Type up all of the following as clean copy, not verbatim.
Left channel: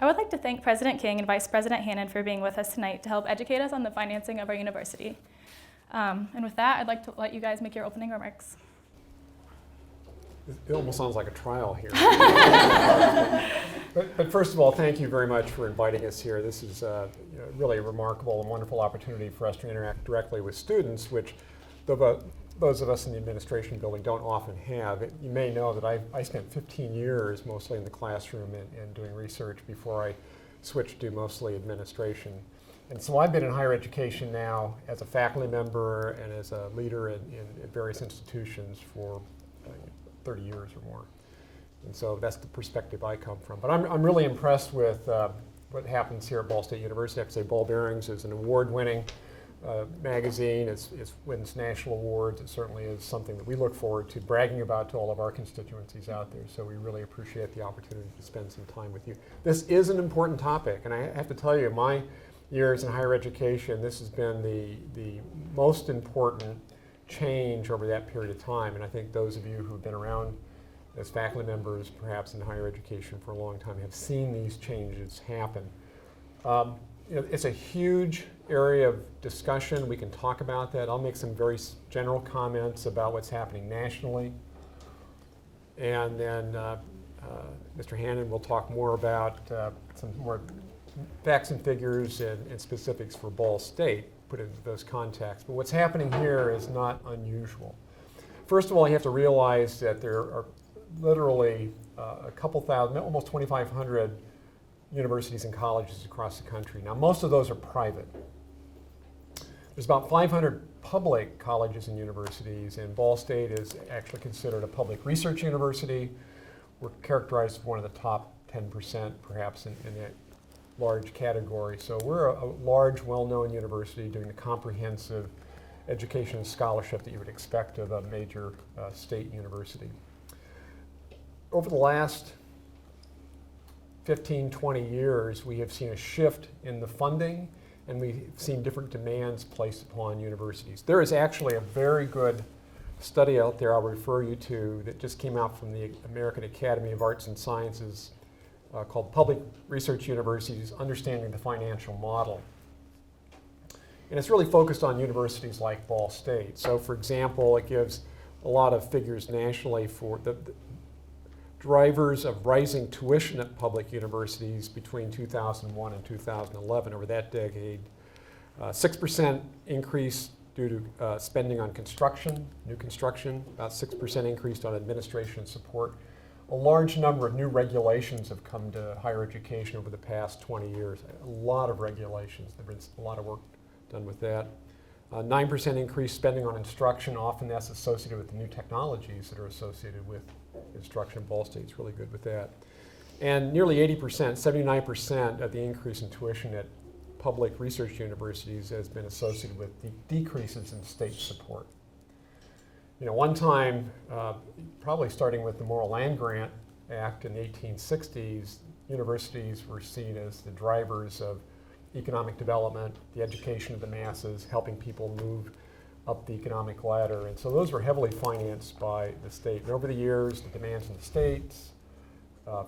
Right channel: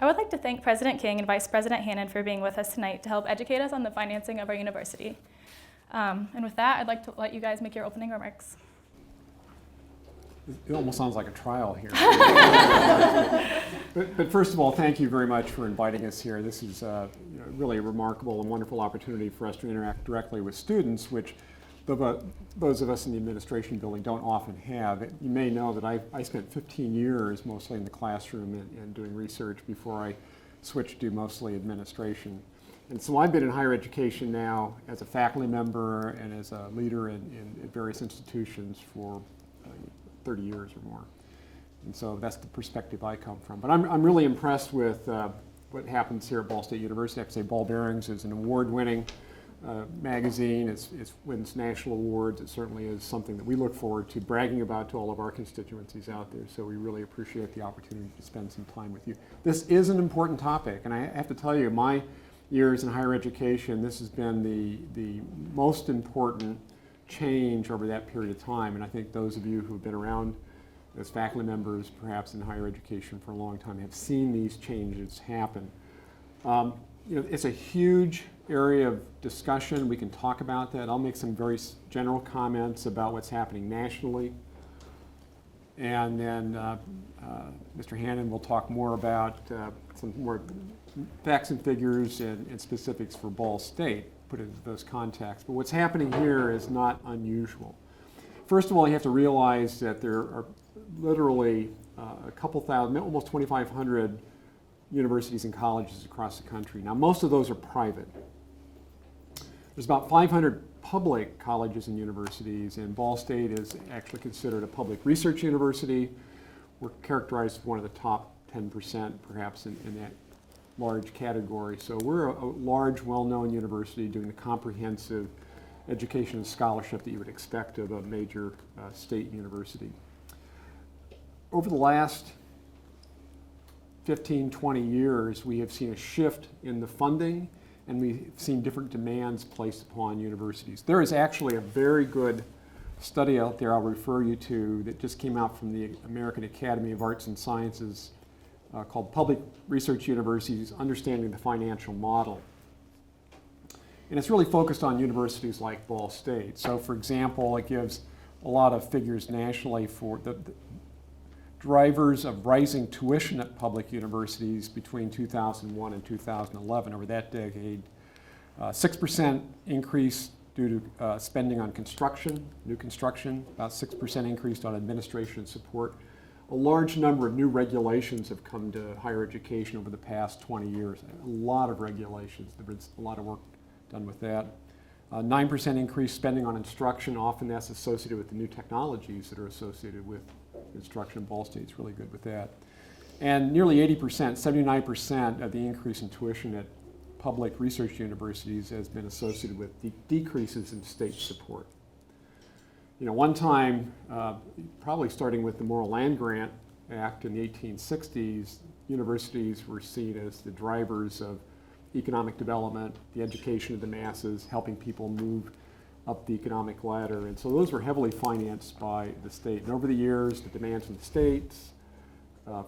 I would like to thank President King and Vice President Hannon for being with us tonight to help educate us on the financing of our university. And with that, I'd like to let you guys make your opening remarks. It almost sounds like a trial here. but first of all, thank you very much for inviting us here. This is really a remarkable and wonderful opportunity for us to interact directly with students, which those of us in the administration building don't often have. You may know that I spent 15 years mostly in the classroom and doing research before I switched to mostly administration. And so I've been in higher education now as a faculty member and as a leader in various institutions for 30 years or more. And so that's the perspective I come from. But I'm really impressed with what happens here at Ball State University. I have to say Ball Bearings is an award-winning magazine. It wins national awards. It certainly is something that we look forward to bragging about to all of our constituencies out there. So we really appreciate the opportunity to spend some time with you. This is an important topic, and I have to tell you, my years in higher education, this has been the most important change over that period of time. And I think those of you who've been around as faculty members, perhaps in higher education for a long time, have seen these changes happen. It's a huge area of discussion. We can talk about that. I'll make some very general comments about what's happening nationally. And then Mr. Hannon will talk more about some more facts and figures and specifics for Ball State, put into those contexts. But what's happening here is not unusual. First of all, you have to realize that there are literally a couple thousand, almost 2,500 universities and colleges across the country. Now, most of those are private. There's about 500 public colleges and universities, and Ball State is actually considered a public research university. We're characterized as one of the top 10%, perhaps, in that large category. So we're a large, well-known university doing the comprehensive education and scholarship that you would expect of a major state university. Over the last 15, 20 years, we have seen a shift in the funding, and we've seen different demands placed upon universities. There is actually a very good study out there I'll refer you to that just came out from the American Academy of Arts and Sciences called Public Research Universities, Understanding the Financial Model. And it's really focused on universities like Ball State. So for example, it gives a lot of figures nationally for the drivers of rising tuition at public universities between 2001 and 2011 over that decade. 6% increase due to spending on construction, new construction, about 6% increase on administration and support. A large number of new regulations have come to higher education over the past 20 years. A lot of regulations. There's been a lot of work done with that. 9% increased spending on instruction. Often that's associated with the new technologies that are associated with instruction. Ball State's really good with that. And nearly 80%, 79% of the increase in tuition at public research universities has been associated with the decreases in state support. One time, probably starting with the Morrill Land Grant Act in the 1860s, universities were seen as the drivers of economic development, the education of the masses, helping people move up the economic ladder. And so those were heavily financed by the state. And over the years, the demands in the states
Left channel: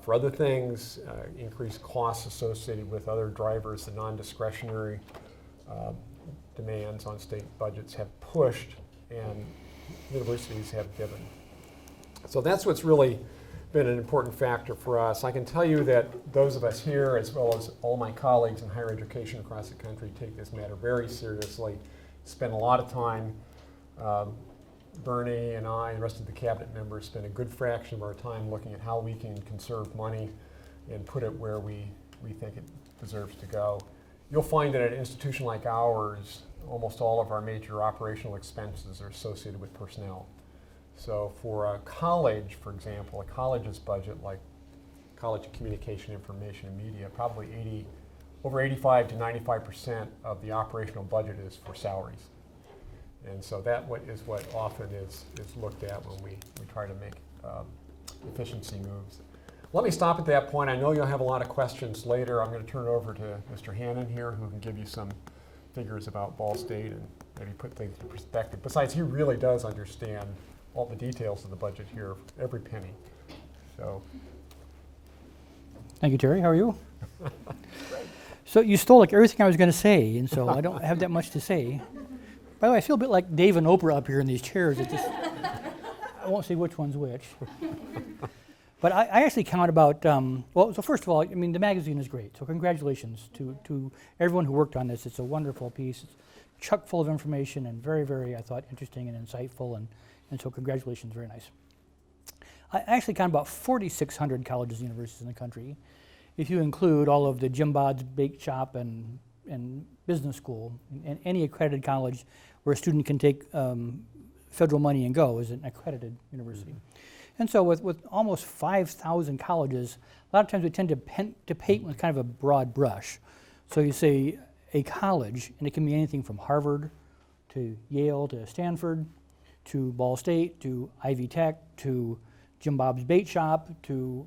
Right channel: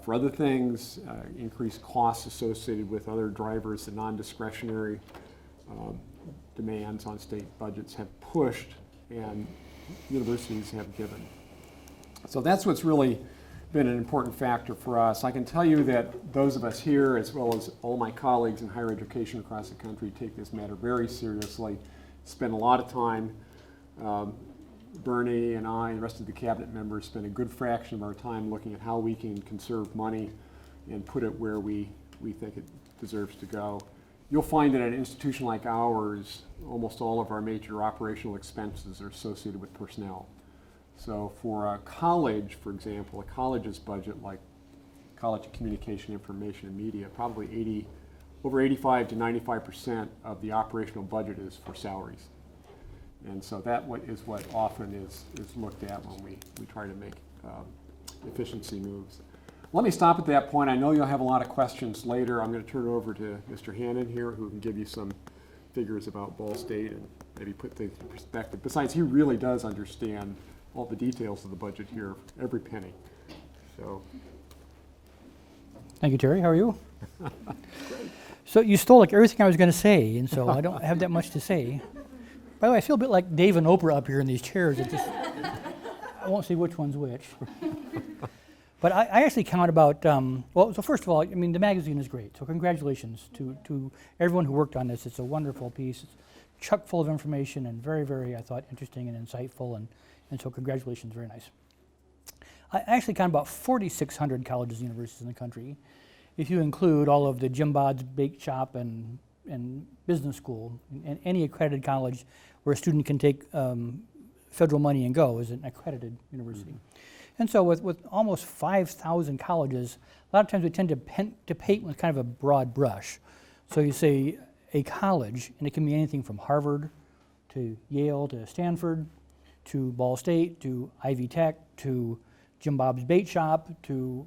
for other things, increased costs associated with other drivers, the non-discretionary demands on state budgets have pushed, and universities have given. So that's what's really been an important factor for us. I can tell you that those of us here, as well as all my colleagues in higher education across the country, take this matter very seriously, spend a lot of time. Bernie and I and the rest of the cabinet members spend a good fraction of our time looking at how we can conserve money and put it where we think it deserves to go. You'll find that at an institution like ours, almost all of our major operational expenses are associated with personnel. So for a college, for example, a college's budget, like College of Communication, Information, and Media, probably over 85 to 95% of the operational budget is for salaries. And so that is what often is looked at when we try to make efficiency moves. Let me stop at that point. I know you'll have a lot of questions later. I'm going to turn it over to Mr. Hannon here, who can give you some figures about Ball State and maybe put things in perspective. Besides, he really does understand all the details of the budget here, every penny. So, thank you, Terry. How are you? So you stole like everything I was going to say, and so I don't have that much to say. By the way, I feel a bit like Dave and Oprah up here in these chairs. I won't say which one's which. But I actually count about, well, so first of all, I mean, the magazine is great. So congratulations to everyone who worked on this. It's a wonderful piece. It's chock full of information and very, very, I thought, interesting and insightful. And so congratulations, very nice. I actually count about 4,600 colleges and universities in the country. If you include all of the Jim Bod's Bake Shop and business school, and any accredited college where a student can take federal money and go is an accredited university. And so with almost 5,000 colleges, a lot of times we tend to paint with kind of a broad brush. So you say a college, and it can be anything from Harvard to Yale to Stanford to Ball State to Ivy Tech to Jim Bob's Bait Shop to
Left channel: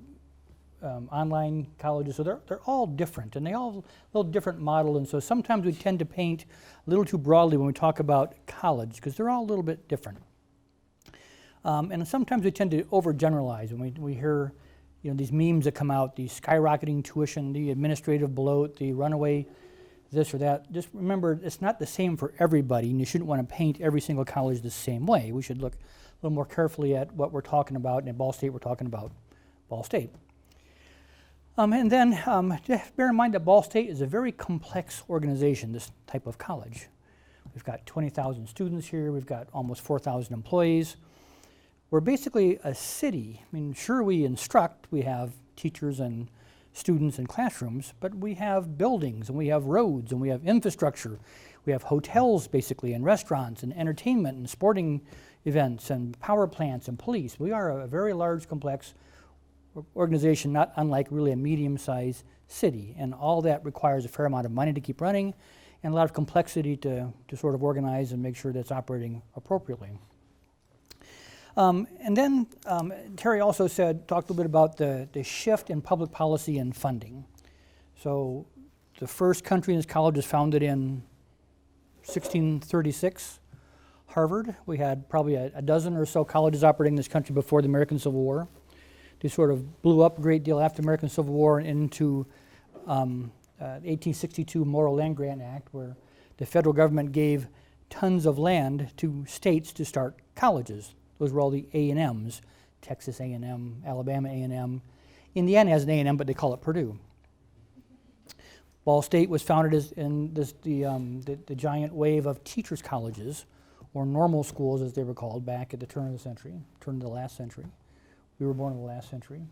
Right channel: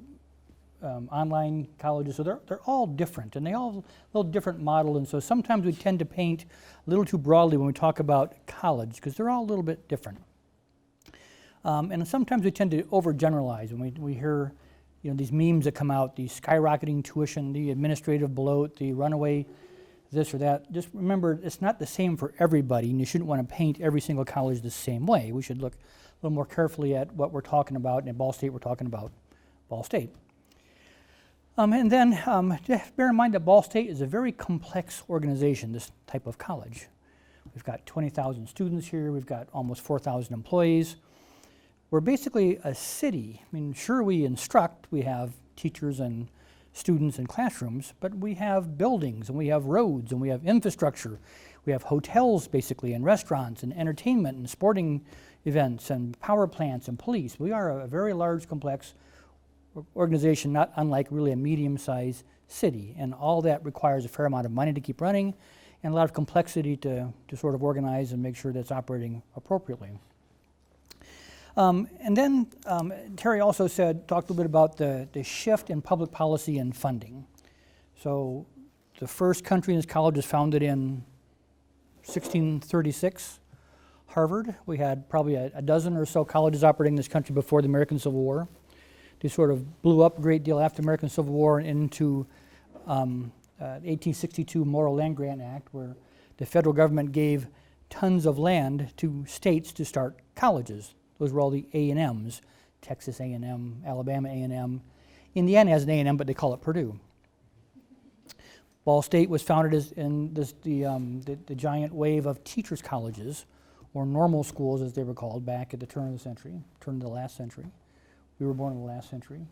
online colleges. So they're all different, and they all have a little different model. And so sometimes we tend to paint a little too broadly when we talk about college, because they're all a little bit different. And sometimes we tend to overgeneralize when we hear, these memes that come out, the skyrocketing tuition, the administrative bloat, the runaway this or that. Just remember, it's not the same for everybody, and you shouldn't want to paint every single college the same way. We should look a little more carefully at what we're talking about, and at Ball State, we're talking about Ball State. And then just bear in mind that Ball State is a very complex organization, this type of college. We've got 20,000 students here. We've got almost 4,000 employees. We're basically a city. I mean, sure, we instruct. We have teachers and students in classrooms, but we have buildings, and we have roads, and we have infrastructure. We have hotels, basically, and restaurants, and entertainment, and sporting events, and power plants, and police. We are a very large, complex organization, not unlike really a medium-sized city, and all that requires a fair amount of money to keep running and a lot of complexity to sort of organize and make sure that's operating appropriately. And then Terry also talked a little bit about the shift in public policy and funding. So the first country in this college was founded in 1636, Harvard. We had probably a dozen or so colleges operating in this country before the American Civil War. They sort of blew up a great deal after the American Civil War and into the 1862 Morrill Land Grant Act, where the federal government gave tons of land to states to start colleges. Those were all the A&Ms, Texas A&M, Alabama A&M. Indiana has an A&M, but they call it Purdue. Ball State was founded in the giant wave of teachers' colleges, or normal schools as they were called, back at the turn of the last century. We were born in the last century.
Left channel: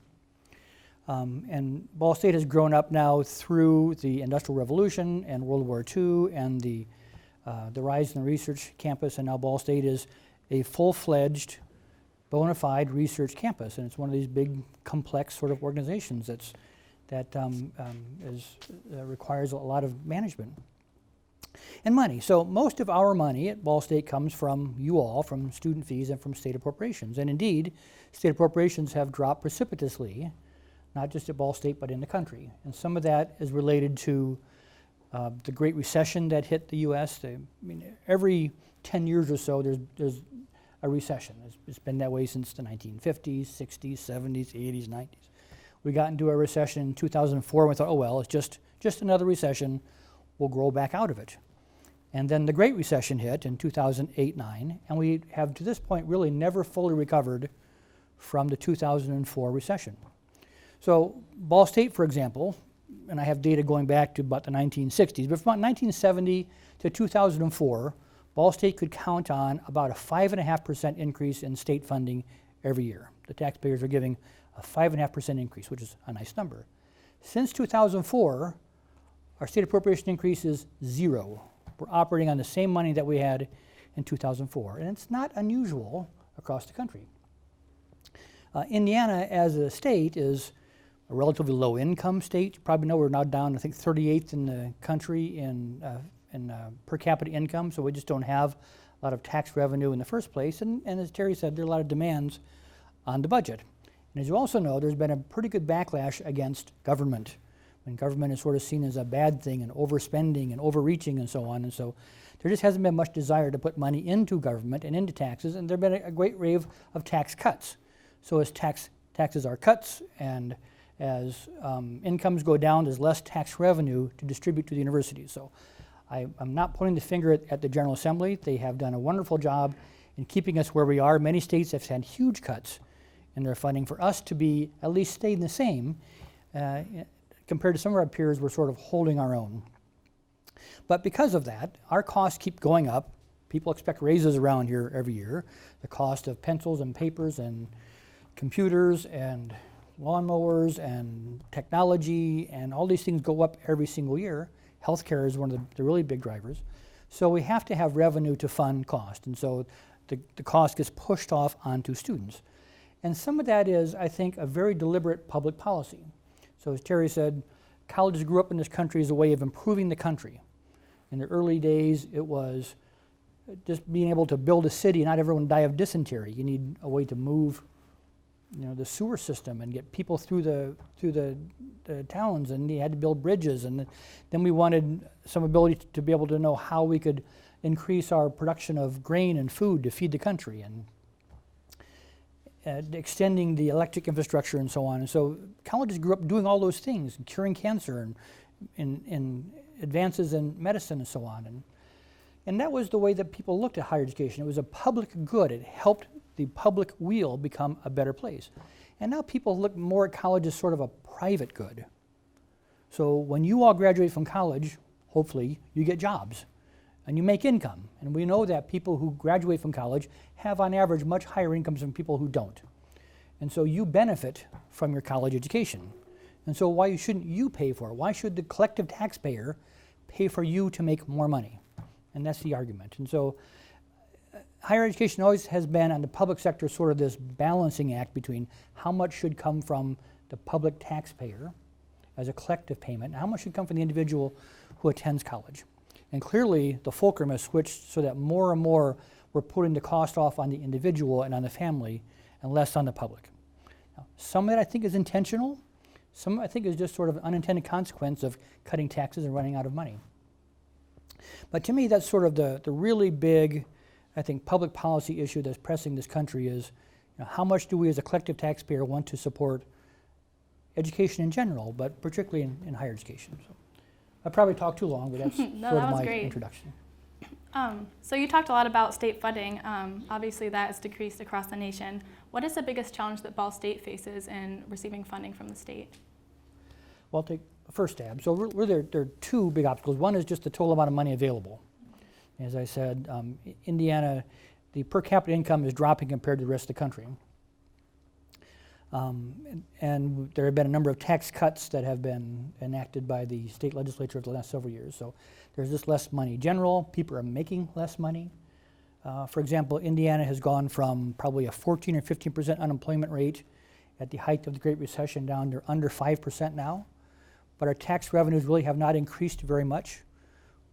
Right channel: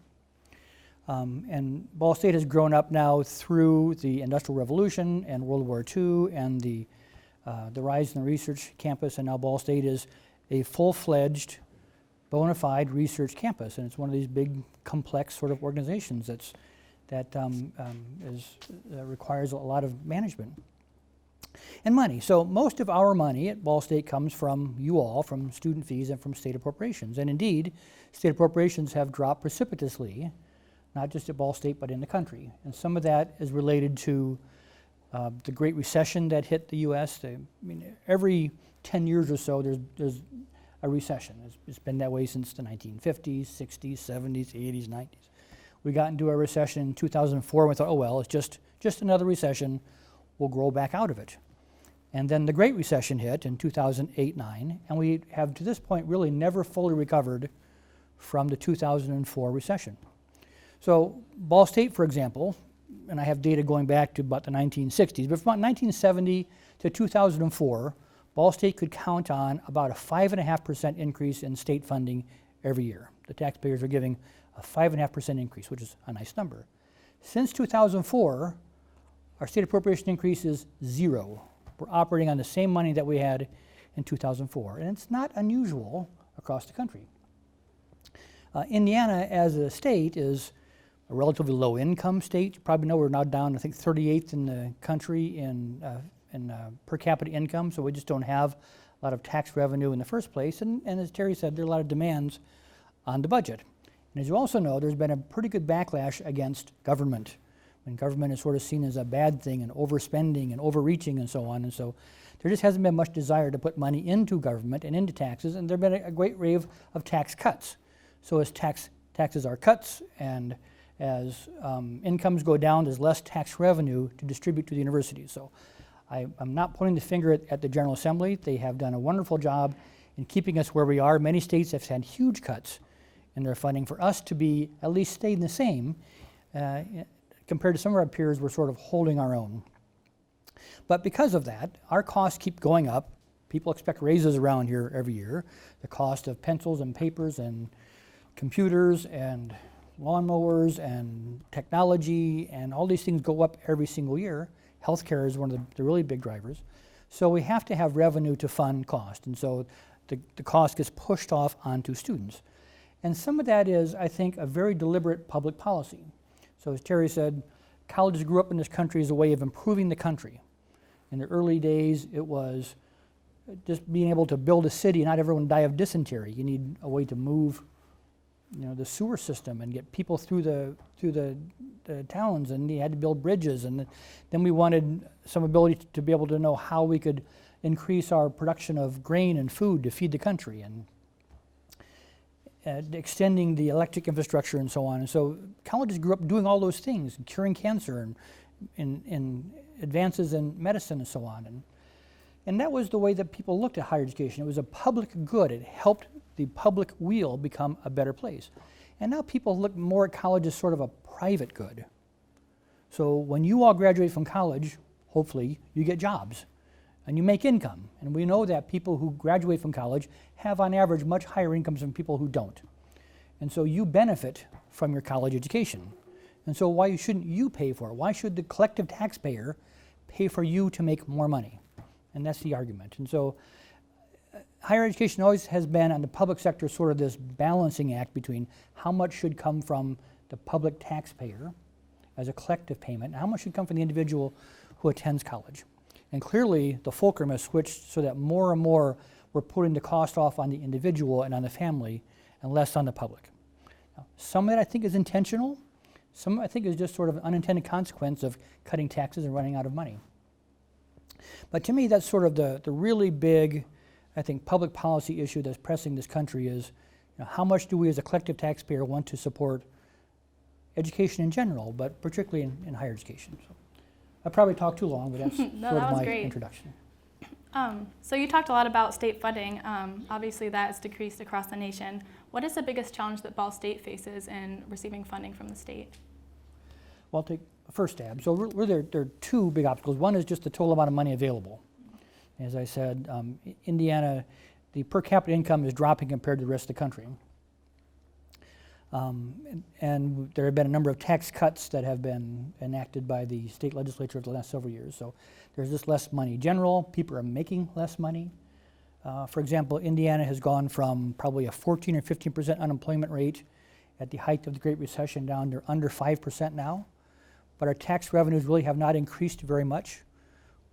And Ball State has grown up now through the Industrial Revolution and World War II and the rise in the research campus, and now Ball State is a full-fledged, bona fide research campus, and it's one of these big, complex sort of organizations that requires a lot of management and money. So most of our money at Ball State comes from you all, from student fees and from state appropriations. And indeed, state appropriations have dropped precipitously, not just at Ball State, but in the country. And some of that is related to the Great Recession that hit the U.S. Every 10 years or so, there's a recession. It's been that way since the 1950s, 60s, 70s, 80s, 90s. We got into a recession in 2004, and we thought, oh well, it's just another recession. We'll grow back out of it. And then the Great Recession hit in 2008-09, and we have to this point really never fully recovered from the 2004 recession. So Ball State, for example, and I have data going back to about the 1960s, but from about 1970 to 2004, Ball State could count on about a 5.5% increase in state funding every year. The taxpayers are giving a 5.5% increase, which is a nice number. Since 2004, our state appropriation increase is 0. We're operating on the same money that we had in 2004, and it's not unusual across the country. Indiana, as a state, is a relatively low-income state. You probably know we're now down, I think, 38th in the country in per capita income, so we just don't have a lot of tax revenue in the first place. And as Terry said, there are a lot of demands on the budget. And as you also know, there's been a pretty good backlash against government. When government is sort of seen as a bad thing and overspending and overreaching and so on. And so there just hasn't been much desire to put money into government and into taxes, and there have been a great wave of tax cuts. So as taxes are cuts and As incomes go down, there's less tax revenue to distribute to the universities. So I'm not pointing the finger at the General Assembly. They have done a wonderful job in keeping us where we are. Many states have had huge cuts in their funding. For us to be at least staying the same, compared to some of our peers, we're sort of holding our own. But because of that, our costs keep going up. People expect raises around here every year. The cost of pencils and papers and computers and lawnmowers and technology and all these things go up every single year. Healthcare is one of the really big drivers. So we have to have revenue to fund cost. And so the cost gets pushed off onto students. And some of that is, I think, a very deliberate public policy. So as Terry said, colleges grew up in this country as a way of improving the country. In the early days, it was just being able to build a city and not everyone die of dysentery. You need a way to move, the sewer system and get people through the towns, and you had to build bridges. And then we wanted some ability to be able to know how we could increase our production of grain and food to feed the country, and extending the electric infrastructure and so on. And so colleges grew up doing all those things, curing cancer and in advances in medicine and so on. And that was the way that people looked at higher education. It was a public good. It helped the public wheel become a better place. And now people look more at college as sort of a private good. So when you all graduate from college, hopefully you get jobs and you make income. And we know that people who graduate from college have on average much higher incomes than people who don't. And so you benefit from your college education. And so why shouldn't you pay for it? Why should the collective taxpayer pay for you to make more money? And that's the argument. And so higher education always has been on the public sector sort of this balancing act between how much should come from the public taxpayer as a collective payment and how much should come from the individual who attends college. And clearly the fulcrum has switched so that more and more we're putting the cost off on the individual and on the family and less on the public. Now, some of that I think is intentional. Some I think is just sort of an unintended consequence of cutting taxes and running out of money. But to me, that's sort of the really big, I think, public policy issue that's pressing this country is, how much do we as a collective taxpayer want to support education in general, but particularly in higher education. So I probably talked too long, but that's No, sort that of was my great. introduction. So you talked a lot about state funding. Obviously that has decreased across the nation. What is the biggest challenge that Ball State faces in receiving funding from the state? Well, I'll take a first stab. So there are two big obstacles. One is just the total amount of money available. As I said, Indiana, the per capita income is dropping compared to the rest of the country. And there have been a number of tax cuts that have been enacted by the state legislature over the last several years. So there's just less money. General, people are making less money. For example, Indiana has gone from probably a 14 or 15% unemployment rate at the height of the Great Recession down to under 5% now. But our tax revenues really have not increased very much,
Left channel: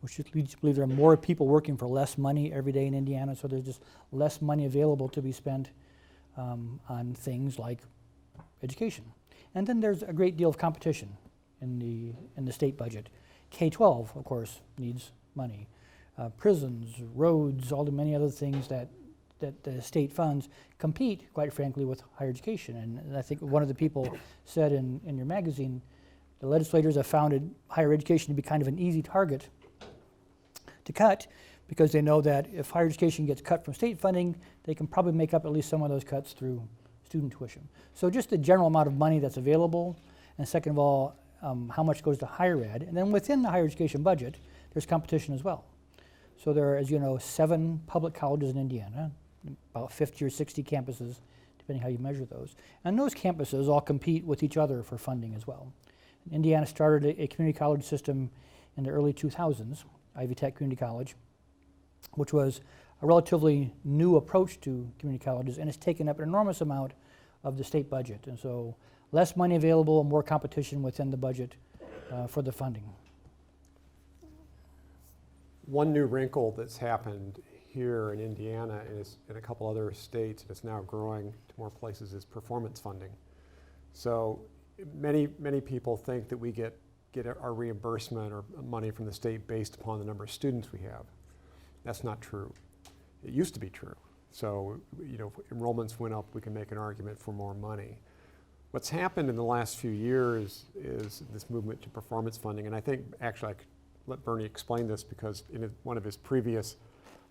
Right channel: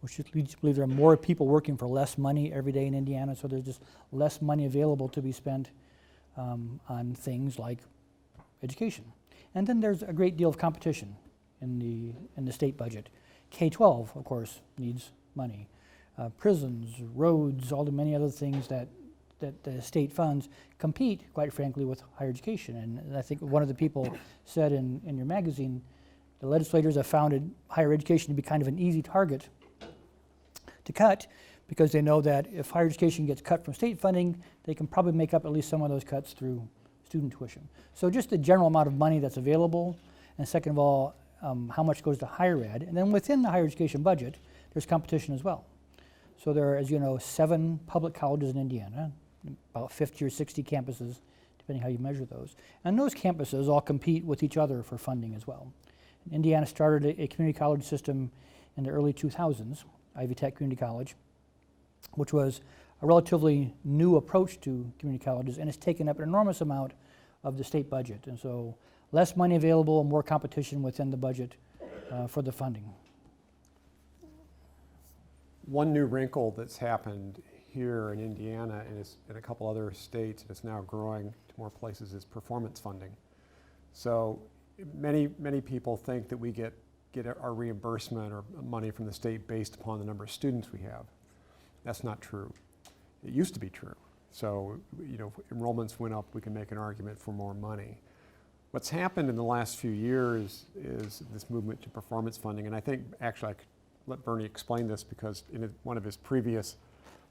which just leads to believe there are more people working for less money every day in Indiana. So there's just less money available to be spent on things like education. And then there's a great deal of competition in the state budget. K-12, of course, needs money. Prisons, roads, all the many other things that the state funds compete, quite frankly, with higher education. And I think one of the people said in your magazine, the legislators have found higher education to be kind of an easy target to cut, because they know that if higher education gets cut from state funding, they can probably make up at least some of those cuts through student tuition. So just the general amount of money that's available, and second of all, how much goes to higher ed. And then within the higher education budget, there's competition as well. So there are, as you know, 7 public colleges in Indiana, about 50 or 60 campuses, depending how you measure those. And those campuses all compete with each other for funding as well. Indiana started a community college system in the early 2000s, Ivy Tech Community College, which was a relatively new approach to community colleges, and it's taken up an enormous amount of the state budget. And so less money available and more competition within the budget for the funding. One new wrinkle that's happened here in Indiana and in a couple other states, and it's now growing to more places, is performance funding. So many people think that we get our reimbursement or money from the state based upon the number of students we have. That's not true. It used to be true. So, if enrollments went up, we can make an argument for more money. What's happened in the last few years is this movement to performance funding, and I think actually I could let Bernie explain this because in one of his previous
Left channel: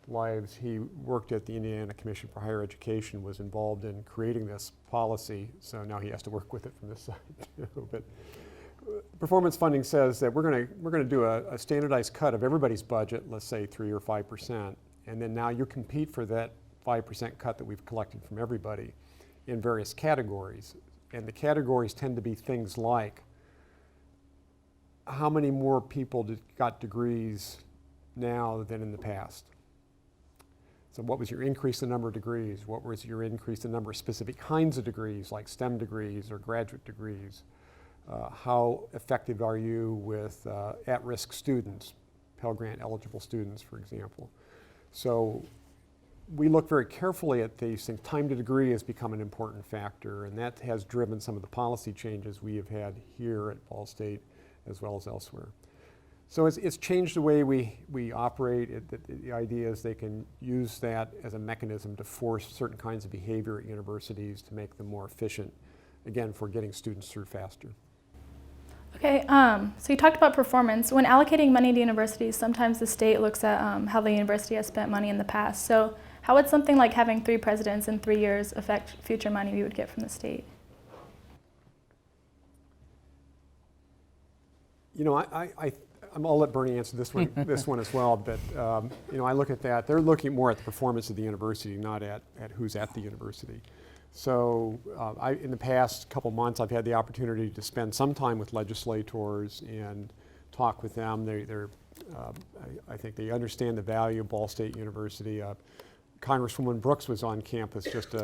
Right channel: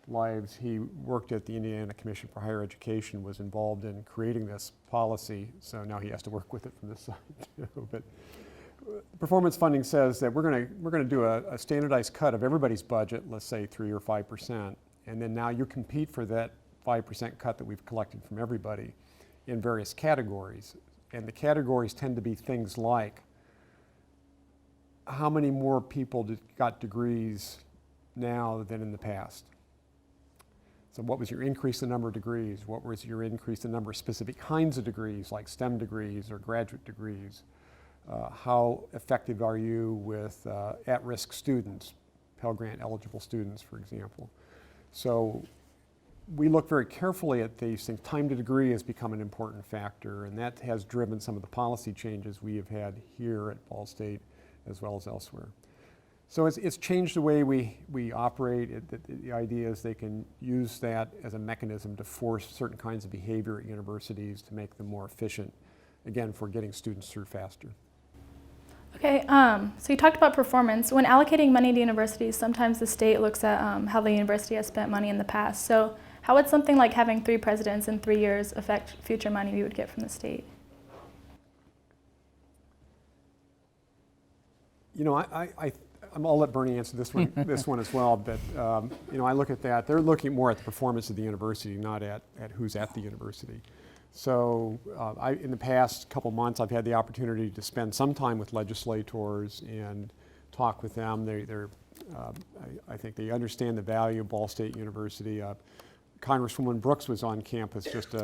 lives he worked at the Indiana Commission for Higher Education, was involved in creating this policy, so now he has to work with it from this side too. But performance funding says that we're going to do a standardized cut of everybody's budget, let's say 3 or 5%, and then now you compete for that 5% cut that we've collected from everybody in various categories. And the categories tend to be things like how many more people got degrees now than in the past. So what was your increase in number of degrees? What was your increase in number of specific kinds of degrees, like STEM degrees or graduate degrees? How effective are you with at-risk students, Pell Grant eligible students, for example? So we look very carefully at these things. Time to degree has become an important factor, and that has driven some of the policy changes we have had here at Ball State as well as elsewhere. So it's changed the way we operate. The idea is they can use that as a mechanism to force certain kinds of behavior at universities to make them more efficient, again, for getting students through faster. Okay, so you talked about performance. When allocating money to universities, sometimes the state looks at how the university has spent money in the past. So how would something like having 3 presidents in 3 years affect future money we would get from the state? You know, I'll let Bernie answer this one, this one as well, but you know, I look at that. They're looking more at the performance of the university, not at who's at the university. So in the past couple months, I've had the opportunity to spend some time with legislators and talk with them. I think they understand the value of Ball State University. Congresswoman Brooks was on campus just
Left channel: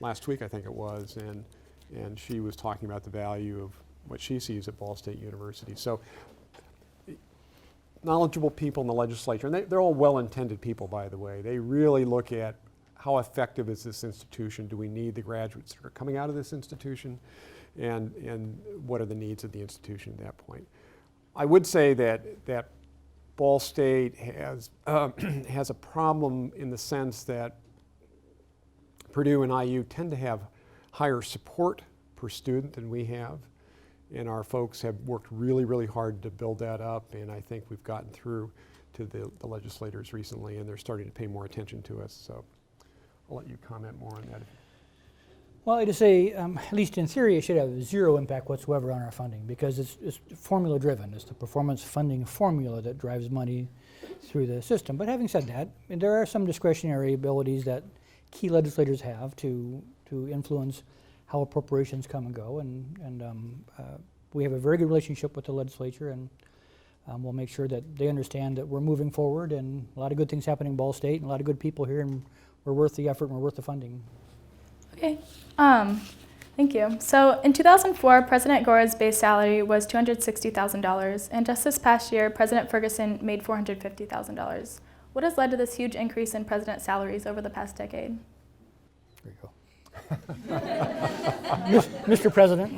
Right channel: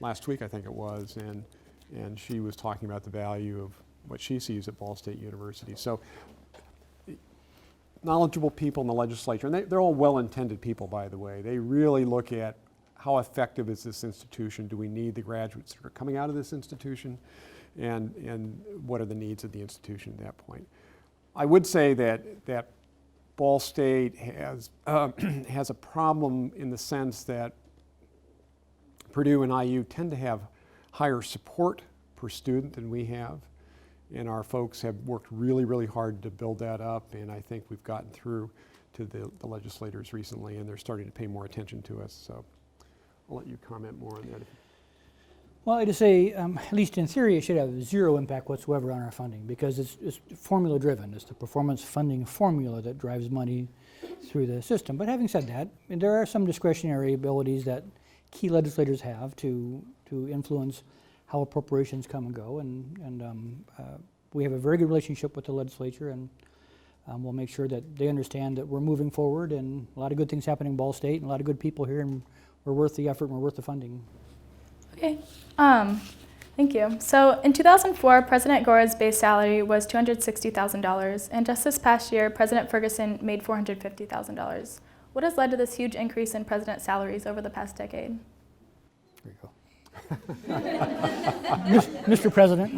last week, I think it was, and she was talking about the value of what she sees at Ball State University. So knowledgeable people in the legislature, and they're all well-intended people, by the way. They really look at how effective is this institution? Do we need the graduates that are coming out of this institution? And what are the needs of the institution at that point? I would say that Ball State has a problem in the sense that Purdue and IU tend to have higher support per student than we have. And our folks have worked really, really hard to build that up, and I think we've gotten through to the legislators recently, and they're starting to pay more attention to us. So I'll let you comment more on that. Well, to say, at least in theory, it should have zero impact whatsoever on our funding because it's formula driven. It's the performance funding formula that drives money through the system. But having said that, there are some discretionary abilities that key legislators have to influence how appropriations come and go, and we have a very good relationship with the legislature, and we'll make sure that they understand that we're moving forward and a lot of good things happening in Ball State and a lot of good people here, and we're worth the effort and we're worth the funding. Okay, thank you. So in 2004, President Gore's base salary was $260,000, and just this past year, President Ferguson made $450,000. What has led to this huge increase in president salaries over the past decade? There you go. Mr. President.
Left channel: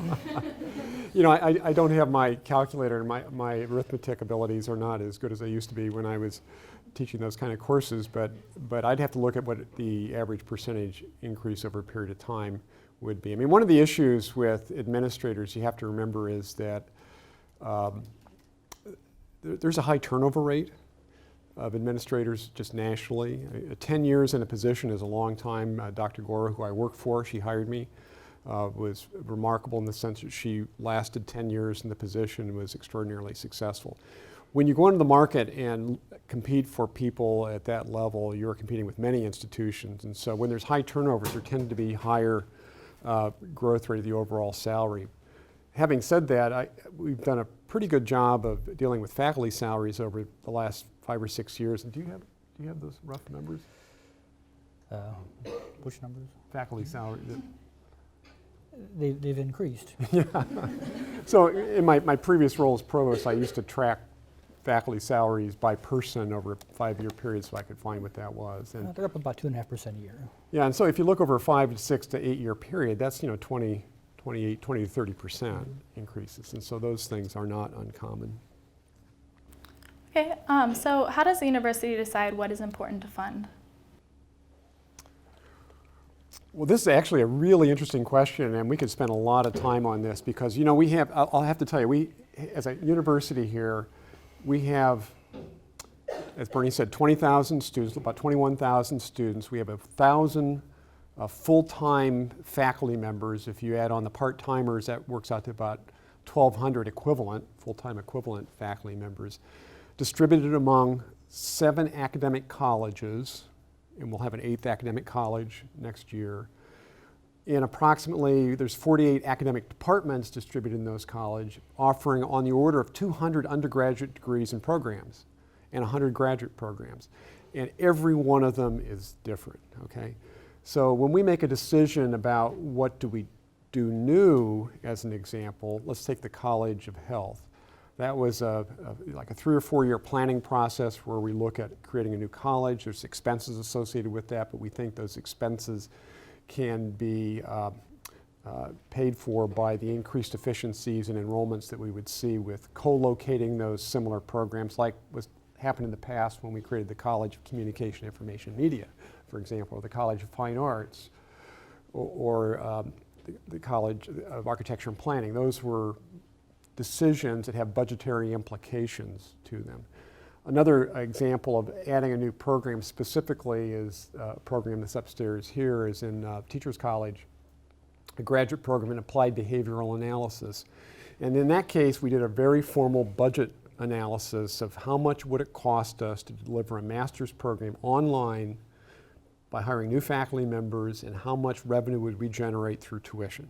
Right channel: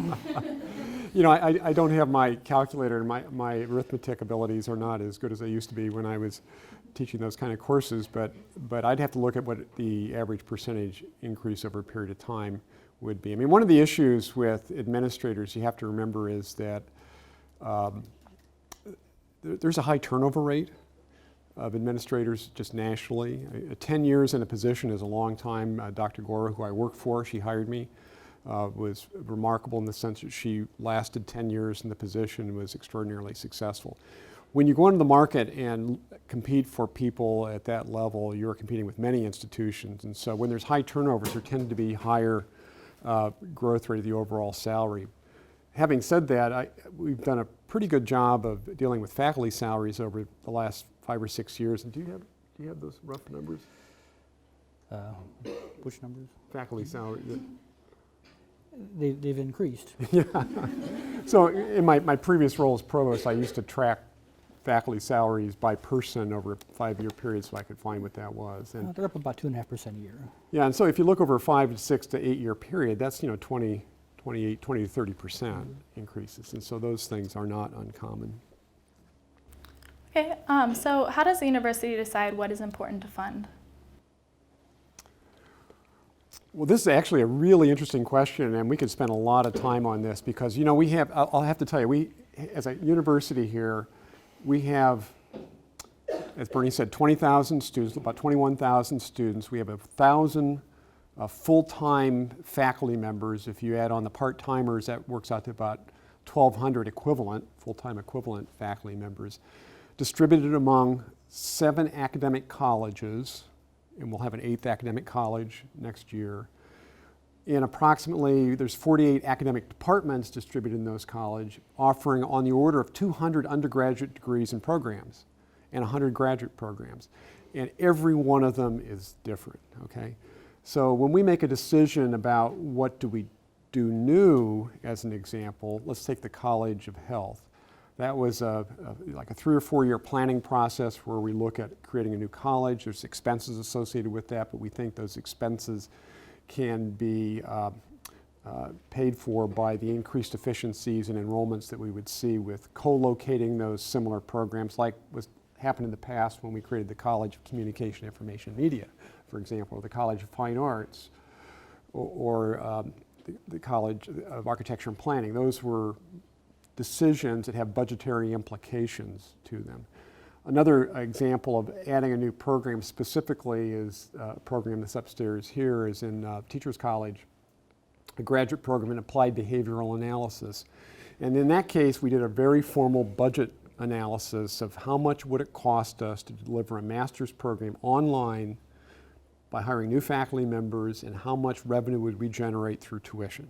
You know, I don't have my calculator, and my arithmetic abilities are not as good as they used to be when I was teaching those kind of courses, but I'd have to look at what the average percentage increase over a period of time would be. I mean, one of the issues with administrators you have to remember is that there's a high turnover rate of administrators just nationally. 10 years in a position is a long time. Dr. Gore, who I work for, she hired me, was remarkable in the sense that she lasted 10 years in the position and was extraordinarily successful. When you go into the market and compete for people at that level, you're competing with many institutions. And so when there's high turnovers, there tend to be higher growth rate of the overall salary. Having said that, we've done a pretty good job of dealing with faculty salaries over the last 5 or 6 years. And do you have those rough numbers? Which numbers? Faculty salary. They've increased. Yeah. So in my previous role as provost, I used to track faculty salaries by person over a 5-year period so I could find what that was. And They're up about 2.5% a year. yeah, and so if you look over a 5 to 6 to 8 year period, that's 20 to 30% increases. And so those things are not uncommon. Okay, so how does the university decide what is important to fund? Well, this is actually a really interesting question, and we could spend a lot of time on this because, you know, we have, I'll have to tell you, we, as a university here, we have, as Bernie said, 20,000 students, about 21,000 students. We have 1,000 full-time faculty members. If you add on the part-timers, that works out to about 1,200 equivalent, full-time equivalent faculty members, distributed among 7 academic colleges, and we'll have an 8th academic college next year. And approximately, there's 48 academic departments distributed in those colleges, offering on the order of 200 undergraduate degrees and programs and 100 graduate programs. And every one of them is different, okay? So when we make a decision about what do we do new, as an example, let's take the College of Health. That was like a 3 or 4 year planning process where we look at creating a new college. There's expenses associated with that, but we think those expenses can be paid for by the increased efficiencies and enrollments that we would see with co-locating those similar programs, like was happened in the past when we created the College of Communication, Information, Media, for example, or the College of Fine Arts, or the College of Architecture and Planning. Those were decisions that have budgetary implications to them. Another example of adding a new program specifically is a program that's upstairs here is in Teachers College, a graduate program in applied behavioral analysis. And in that case, we did a very formal budget analysis of how much would it cost us to deliver a master's program online by hiring new faculty members, and how much revenue would we generate through tuition.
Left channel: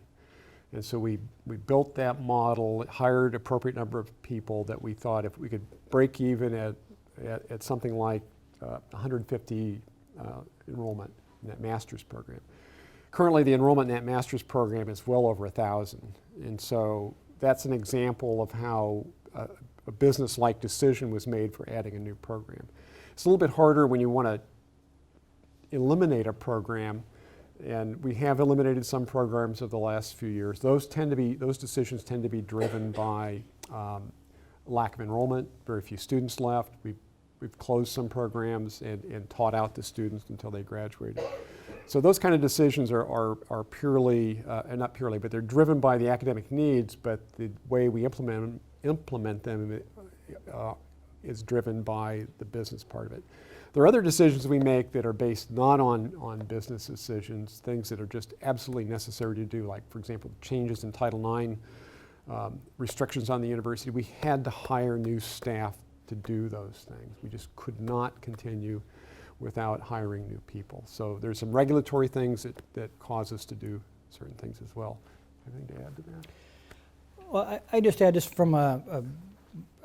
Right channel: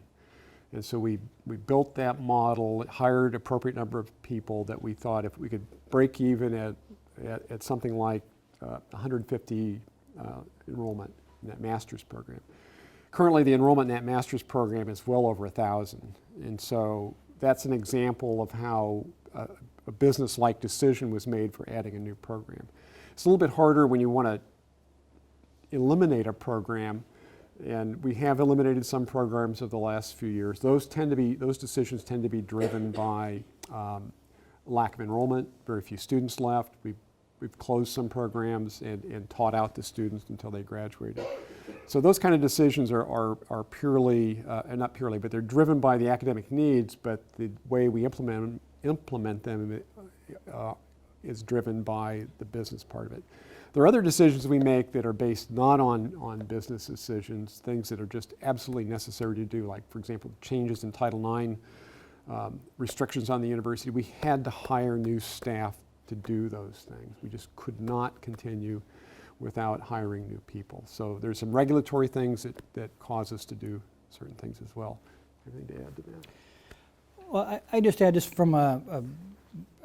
And so we built that model, hired appropriate number of people that we thought if we could break even at something like 150 enrollment in that master's program. Currently, the enrollment in that master's program is well over 1,000. And so that's an example of how a business-like decision was made for adding a new program. It's a little bit harder when you want to eliminate a program, and we have eliminated some programs over the last few years. Those decisions tend to be driven by lack of enrollment, very few students left. We've closed some programs and taught out the students until they graduated. So those kind of decisions are purely, not purely, but they're driven by the academic needs, but the way we implement them is driven by the business part of it. There are other decisions we make that are based not on business decisions, things that are just absolutely necessary to do, like, for example, changes in Title IX, restrictions on the university. We had to hire new staff to do those things. We just could not continue without hiring new people. So there's some regulatory things that cause us to do certain things as well. Anything to add to that? Well, I just add, just from a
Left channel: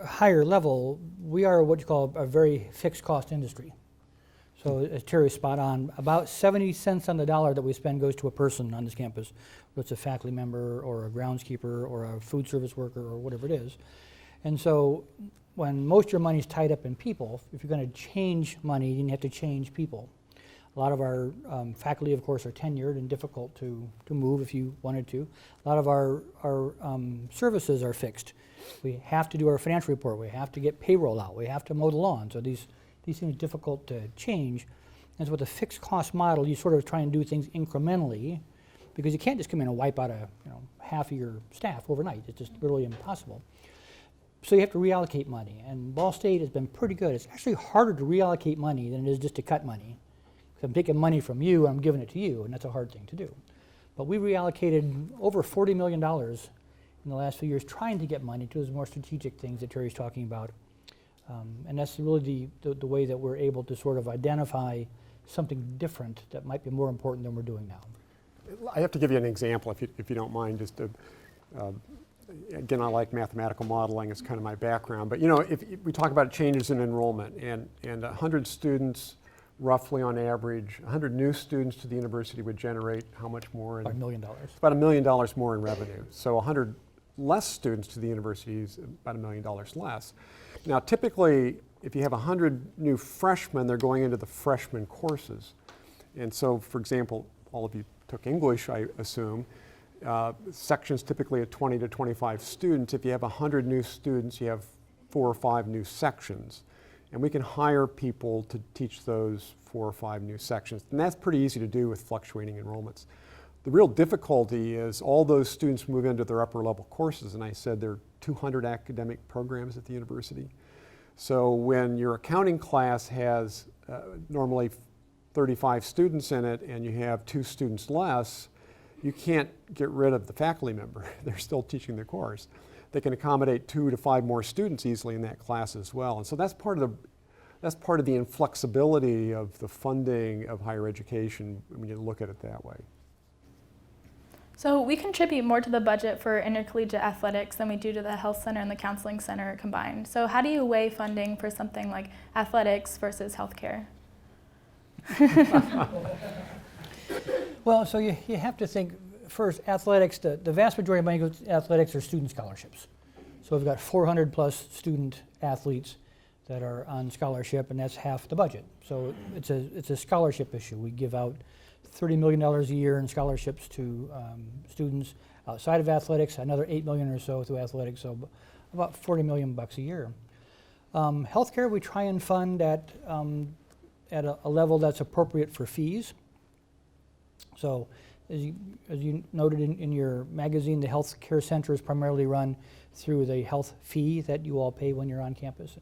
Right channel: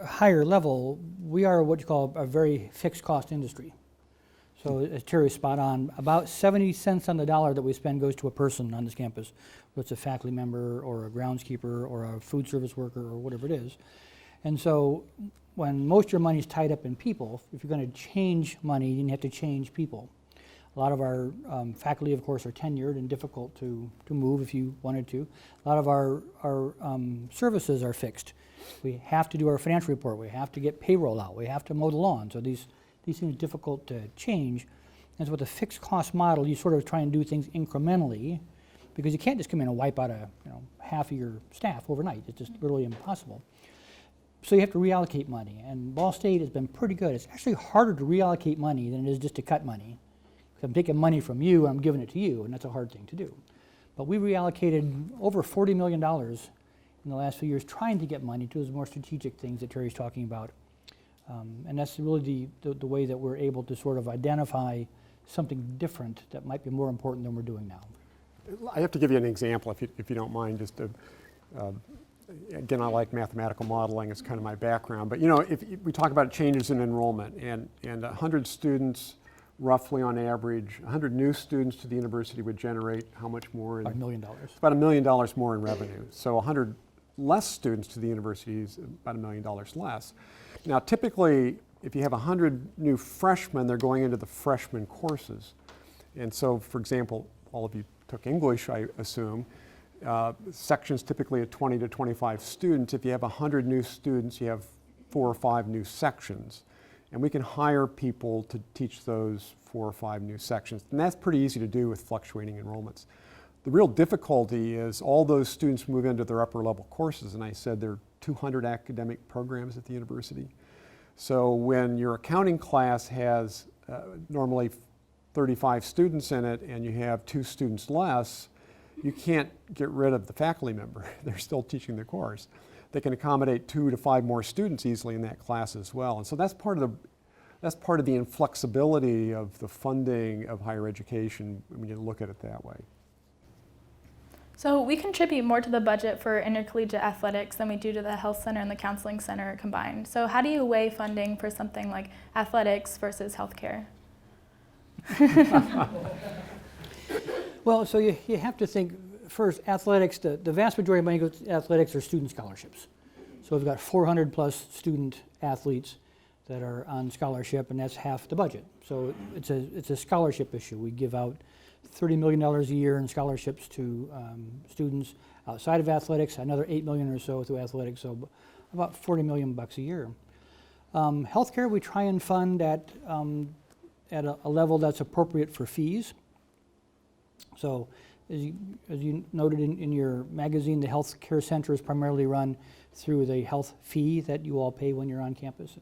higher level, we are what you call a very fixed cost industry. So as Terry's spot on, about 70 cents on the dollar that we spend goes to a person on this campus, whether it's a faculty member or a groundskeeper or a food service worker or whatever it is. And so when most of your money is tied up in people, if you're going to change money, you have to change people. A lot of our faculty, of course, are tenured and difficult to move if you wanted to. A lot of our services are fixed. We have to do our financial report. We have to get payroll out. We have to mow the lawn. So these things are difficult to change. And so with a fixed cost model, you sort of try and do things incrementally, because you can't just come in and wipe out half of your staff overnight. It's just literally impossible. So you have to reallocate money. And Ball State has been pretty good. It's actually harder to reallocate money than it is just to cut money. Because I'm taking money from you and I'm giving it to you, and that's a hard thing to do. But we reallocated over $40 million in the last few years trying to get money to those more strategic things that Terry's talking about. And that's really the way that we're able to sort of identify something different that might be more important than we're doing now. I have to give you an example, if you don't mind, just to, again, I like mathematical modeling, it's kind of my background, but if we talk about changes in enrollment, and 100 students, roughly on average, 100 new students to the university would generate how much more? About $1 million. About $1 million more in revenue. So 100 less students to the university is about $1 million less. Now, typically, if you have 100 new freshmen, they're going into the freshman courses. And so, for example, all of you took English, I assume. Sections typically at 20 to 25 students. If you have 100 new students, you have 4 or 5 new sections. and we can hire people to teach those 4 or 5 new sections. And that's pretty easy to do with fluctuating enrollments. The real difficulty is all those students move into their upper level courses, and I said there are 200 academic programs at the university. So when your accounting class has normally 35 students in it and you have 2 students less, you can't get rid of the faculty member. They're still teaching the course. They can accommodate 2 to 5 more students easily in that class as well. And so that's part of the inflexibility of the funding of higher education when you look at it that way. So we contribute more to the budget for intercollegiate athletics than we do to the health center and the counseling center combined. So how do you weigh funding for something like athletics versus healthcare? Well, so you have to think first, athletics, the vast majority of money goes to athletics are student scholarships. So we've got 400 plus student athletes that are on scholarship, and that's half the budget. So it's a scholarship issue. We give out $30 million a year in scholarships to students outside of athletics, another $8 million or so through athletics, so about $40 million bucks a year. Healthcare, we try and fund at a level that's appropriate for fees. So as you noted in your magazine, the health care center is primarily run through the health fee that you all pay when you're on campus.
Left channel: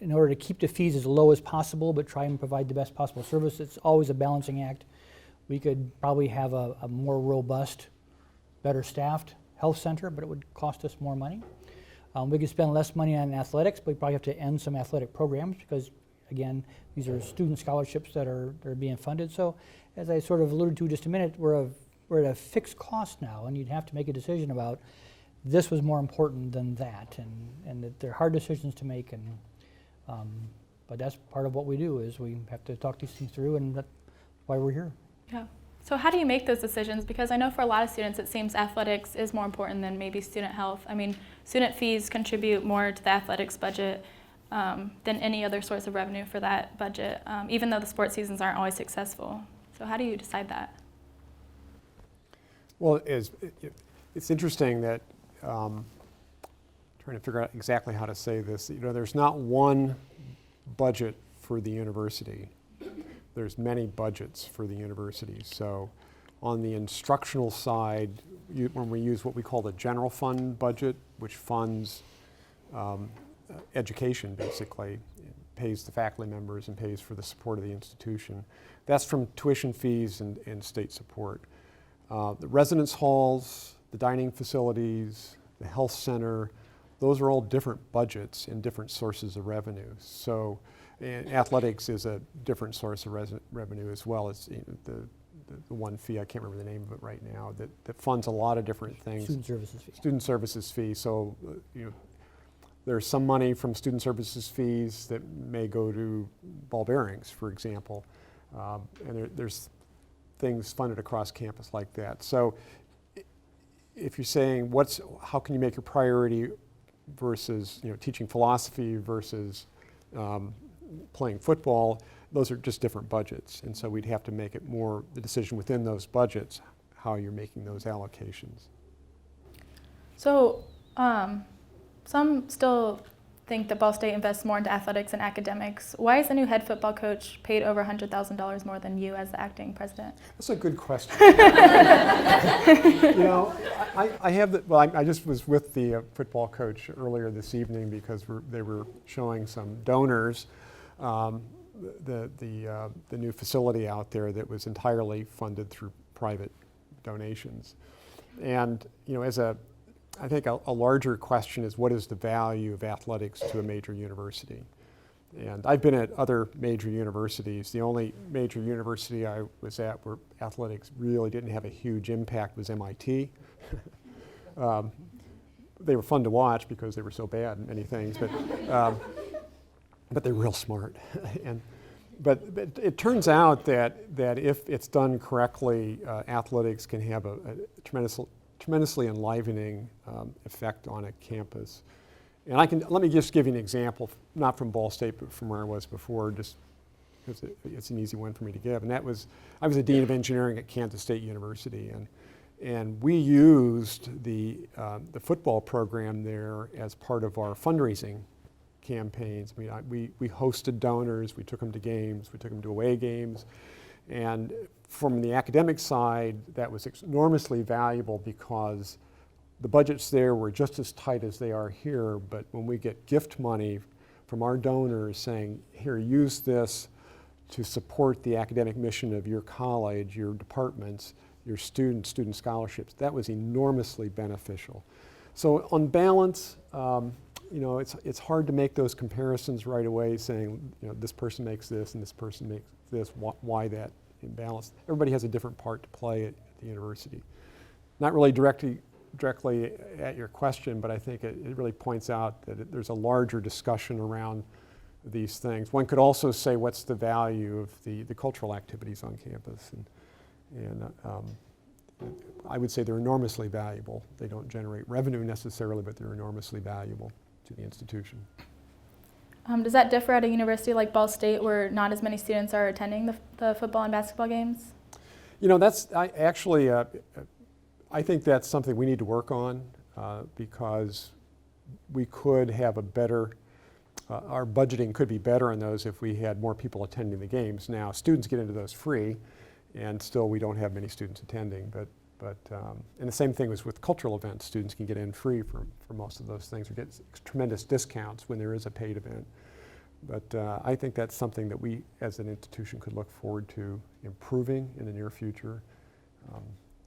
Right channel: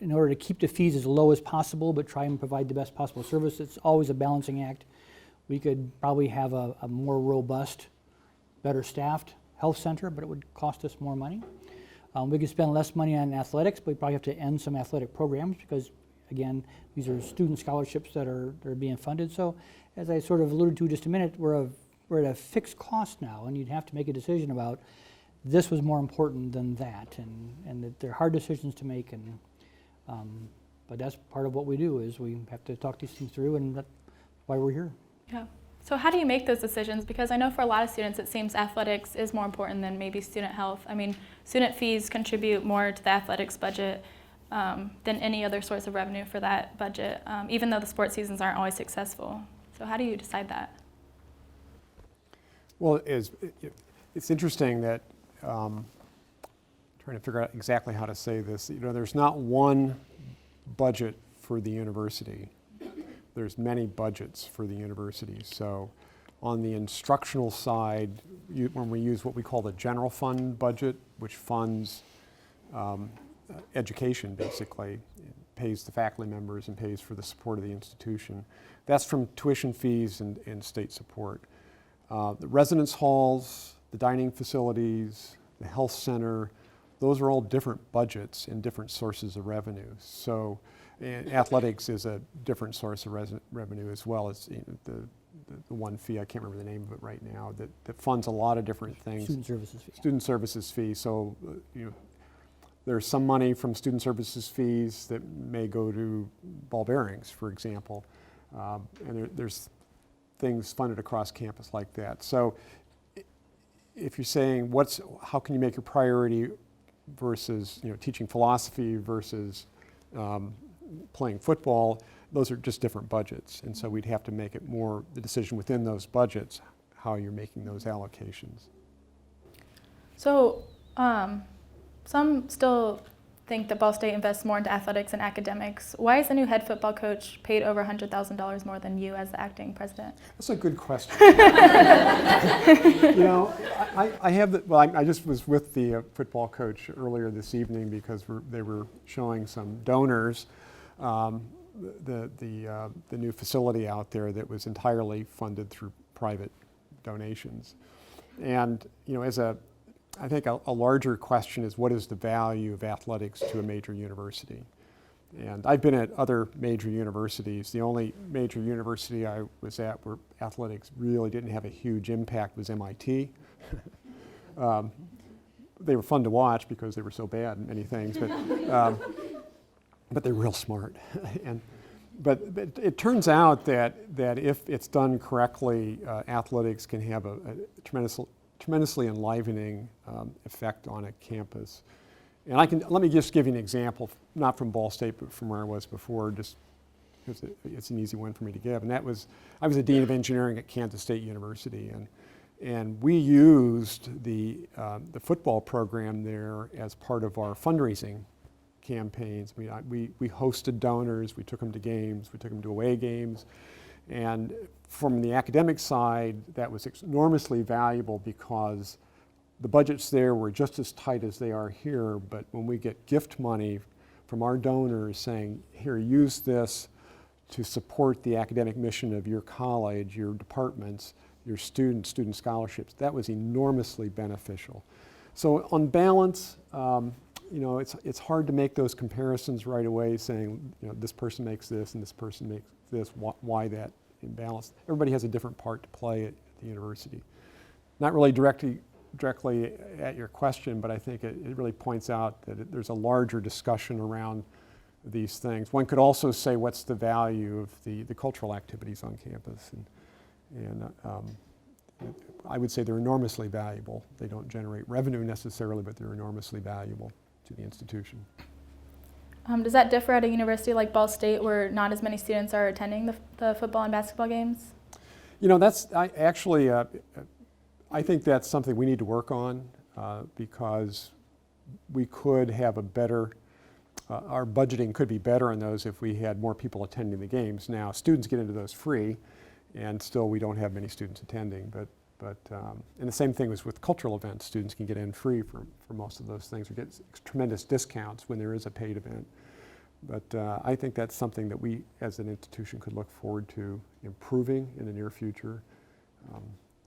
In order to keep the fees as low as possible but try and provide the best possible service, it's always a balancing act. We could probably have a more robust, better staffed health center, but it would cost us more money. We could spend less money on athletics, but we probably have to end some athletic programs because, again, these are student scholarships that are being funded. So as I sort of alluded to just a minute, we're at a fixed cost now, and you'd have to make a decision about this was more important than that, and that they're hard decisions to make. But that's part of what we do is we have to talk these things through, and that's why we're here. Yeah. So how do you make those decisions? Because I know for a lot of students it seems athletics is more important than maybe student health. I mean, student fees contribute more to the athletics budget than any other source of revenue for that budget, even though the sports seasons aren't always successful. So how do you decide that? Well, it's interesting that trying to figure out exactly how to say this. You know, there's not one budget for the university. There's many budgets for the university. So on the instructional side, when we use what we call the general fund budget, which funds education basically, it pays the faculty members and pays for the support of the institution. That's from tuition fees and state support. The residence halls, the dining facilities, the health center, those are all different budgets and different sources of revenue. So and athletics is a different source of revenue as well. It's the one fee, I can't remember the name of it right now, that funds a lot of different things. Student services fee. Student services fee. So there's some money from student services fees that may go to ball bearings, for example. And there's things funded across campus like that. So if you're saying how can you make a priority versus teaching philosophy versus playing football, those are just different budgets. And so we'd have to make it more the decision within those budgets, how you're making those allocations. So some still think that Ball State invests more into athletics and academics. Why is the new head football coach paid over $100,000 more than you as the acting president? That's a good question. I just was with the football coach earlier this evening because they were showing some donors the new facility out there that was entirely funded through private donations. And I think a larger question is, what is the value of athletics to a major university? And I've been at other major universities. The only major university I was at where athletics really didn't have a huge impact was MIT. They were fun to watch because they were so bad in many things, but they're real smart. But it turns out that if it's done correctly, athletics can have a tremendously enlivening effect on a campus. And let me just give you an example, not from Ball State, but from where I was before, just because it's an easy one for me to give. And that was, I was a dean of engineering at Kansas State University, and we used the football program there as part of our fundraising campaigns. We hosted donors, we took them to games, we took them to away games. And from the academic side, that was enormously valuable because the budgets there were just as tight as they are here, but when we get gift money from our donors saying, here, use this to support the academic mission of your college, your departments, your student scholarships, that was enormously beneficial. So on balance, it's hard to make those comparisons right away, saying, this person makes this and this person makes this, why that imbalance. Everybody has a different part to play at the university. Not really directly at your question, but I think it really points out that there's a larger discussion around these things. One could also say, what's the value of the cultural activities on campus? And I would say they're enormously valuable. They don't generate revenue necessarily, but they're enormously valuable to the institution. Does that differ at a university like Ball State, where not as many students are attending the football and basketball games? I think that's something we need to work on because we could have a better, our budgeting could be better on those if we had more people attending the games. Now, students get into those free, and still we don't have many students attending. And the same thing was with cultural events. Students can get in free for most of those things or get tremendous discounts when there is a paid event. But I think that's something that we as an institution could look forward to improving in the near future. Do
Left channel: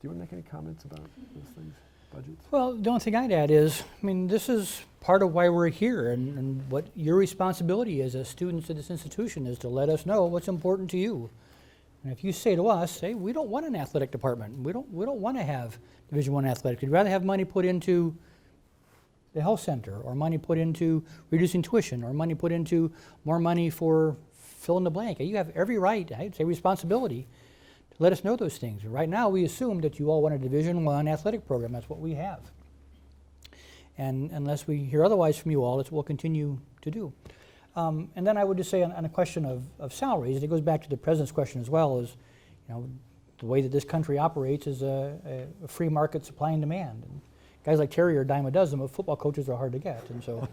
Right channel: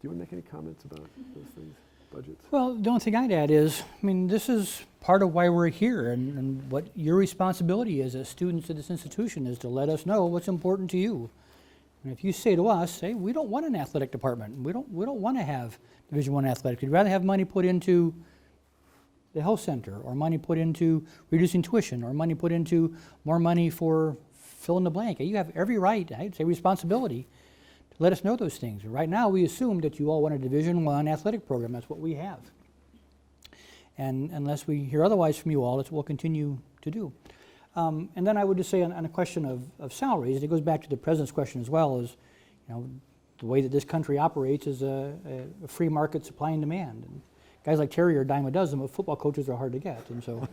you want to make any comments about those things, budgets? Well, the only thing I'd add is, this is part of why we're here, and what your responsibility is as students of this institution is to let us know what's important to you. And if you say to us, hey, we don't want an athletic department, we don't want to have Division I athletics, we'd rather have money put into the health center, or money put into reducing tuition, or money put into more money for fill in the blank. You have every right, I'd say responsibility, to let us know those things. Right now, we assume that you all want a Division I athletic program. That's what we have. And unless we hear otherwise from you all, it's what we'll continue to do. And then I would just say on a question of salaries, and it goes back to the president's question as well, is the way that this country operates is a free market supply and demand. And guys like Terry are a dime a dozen, but football coaches are hard to get. And so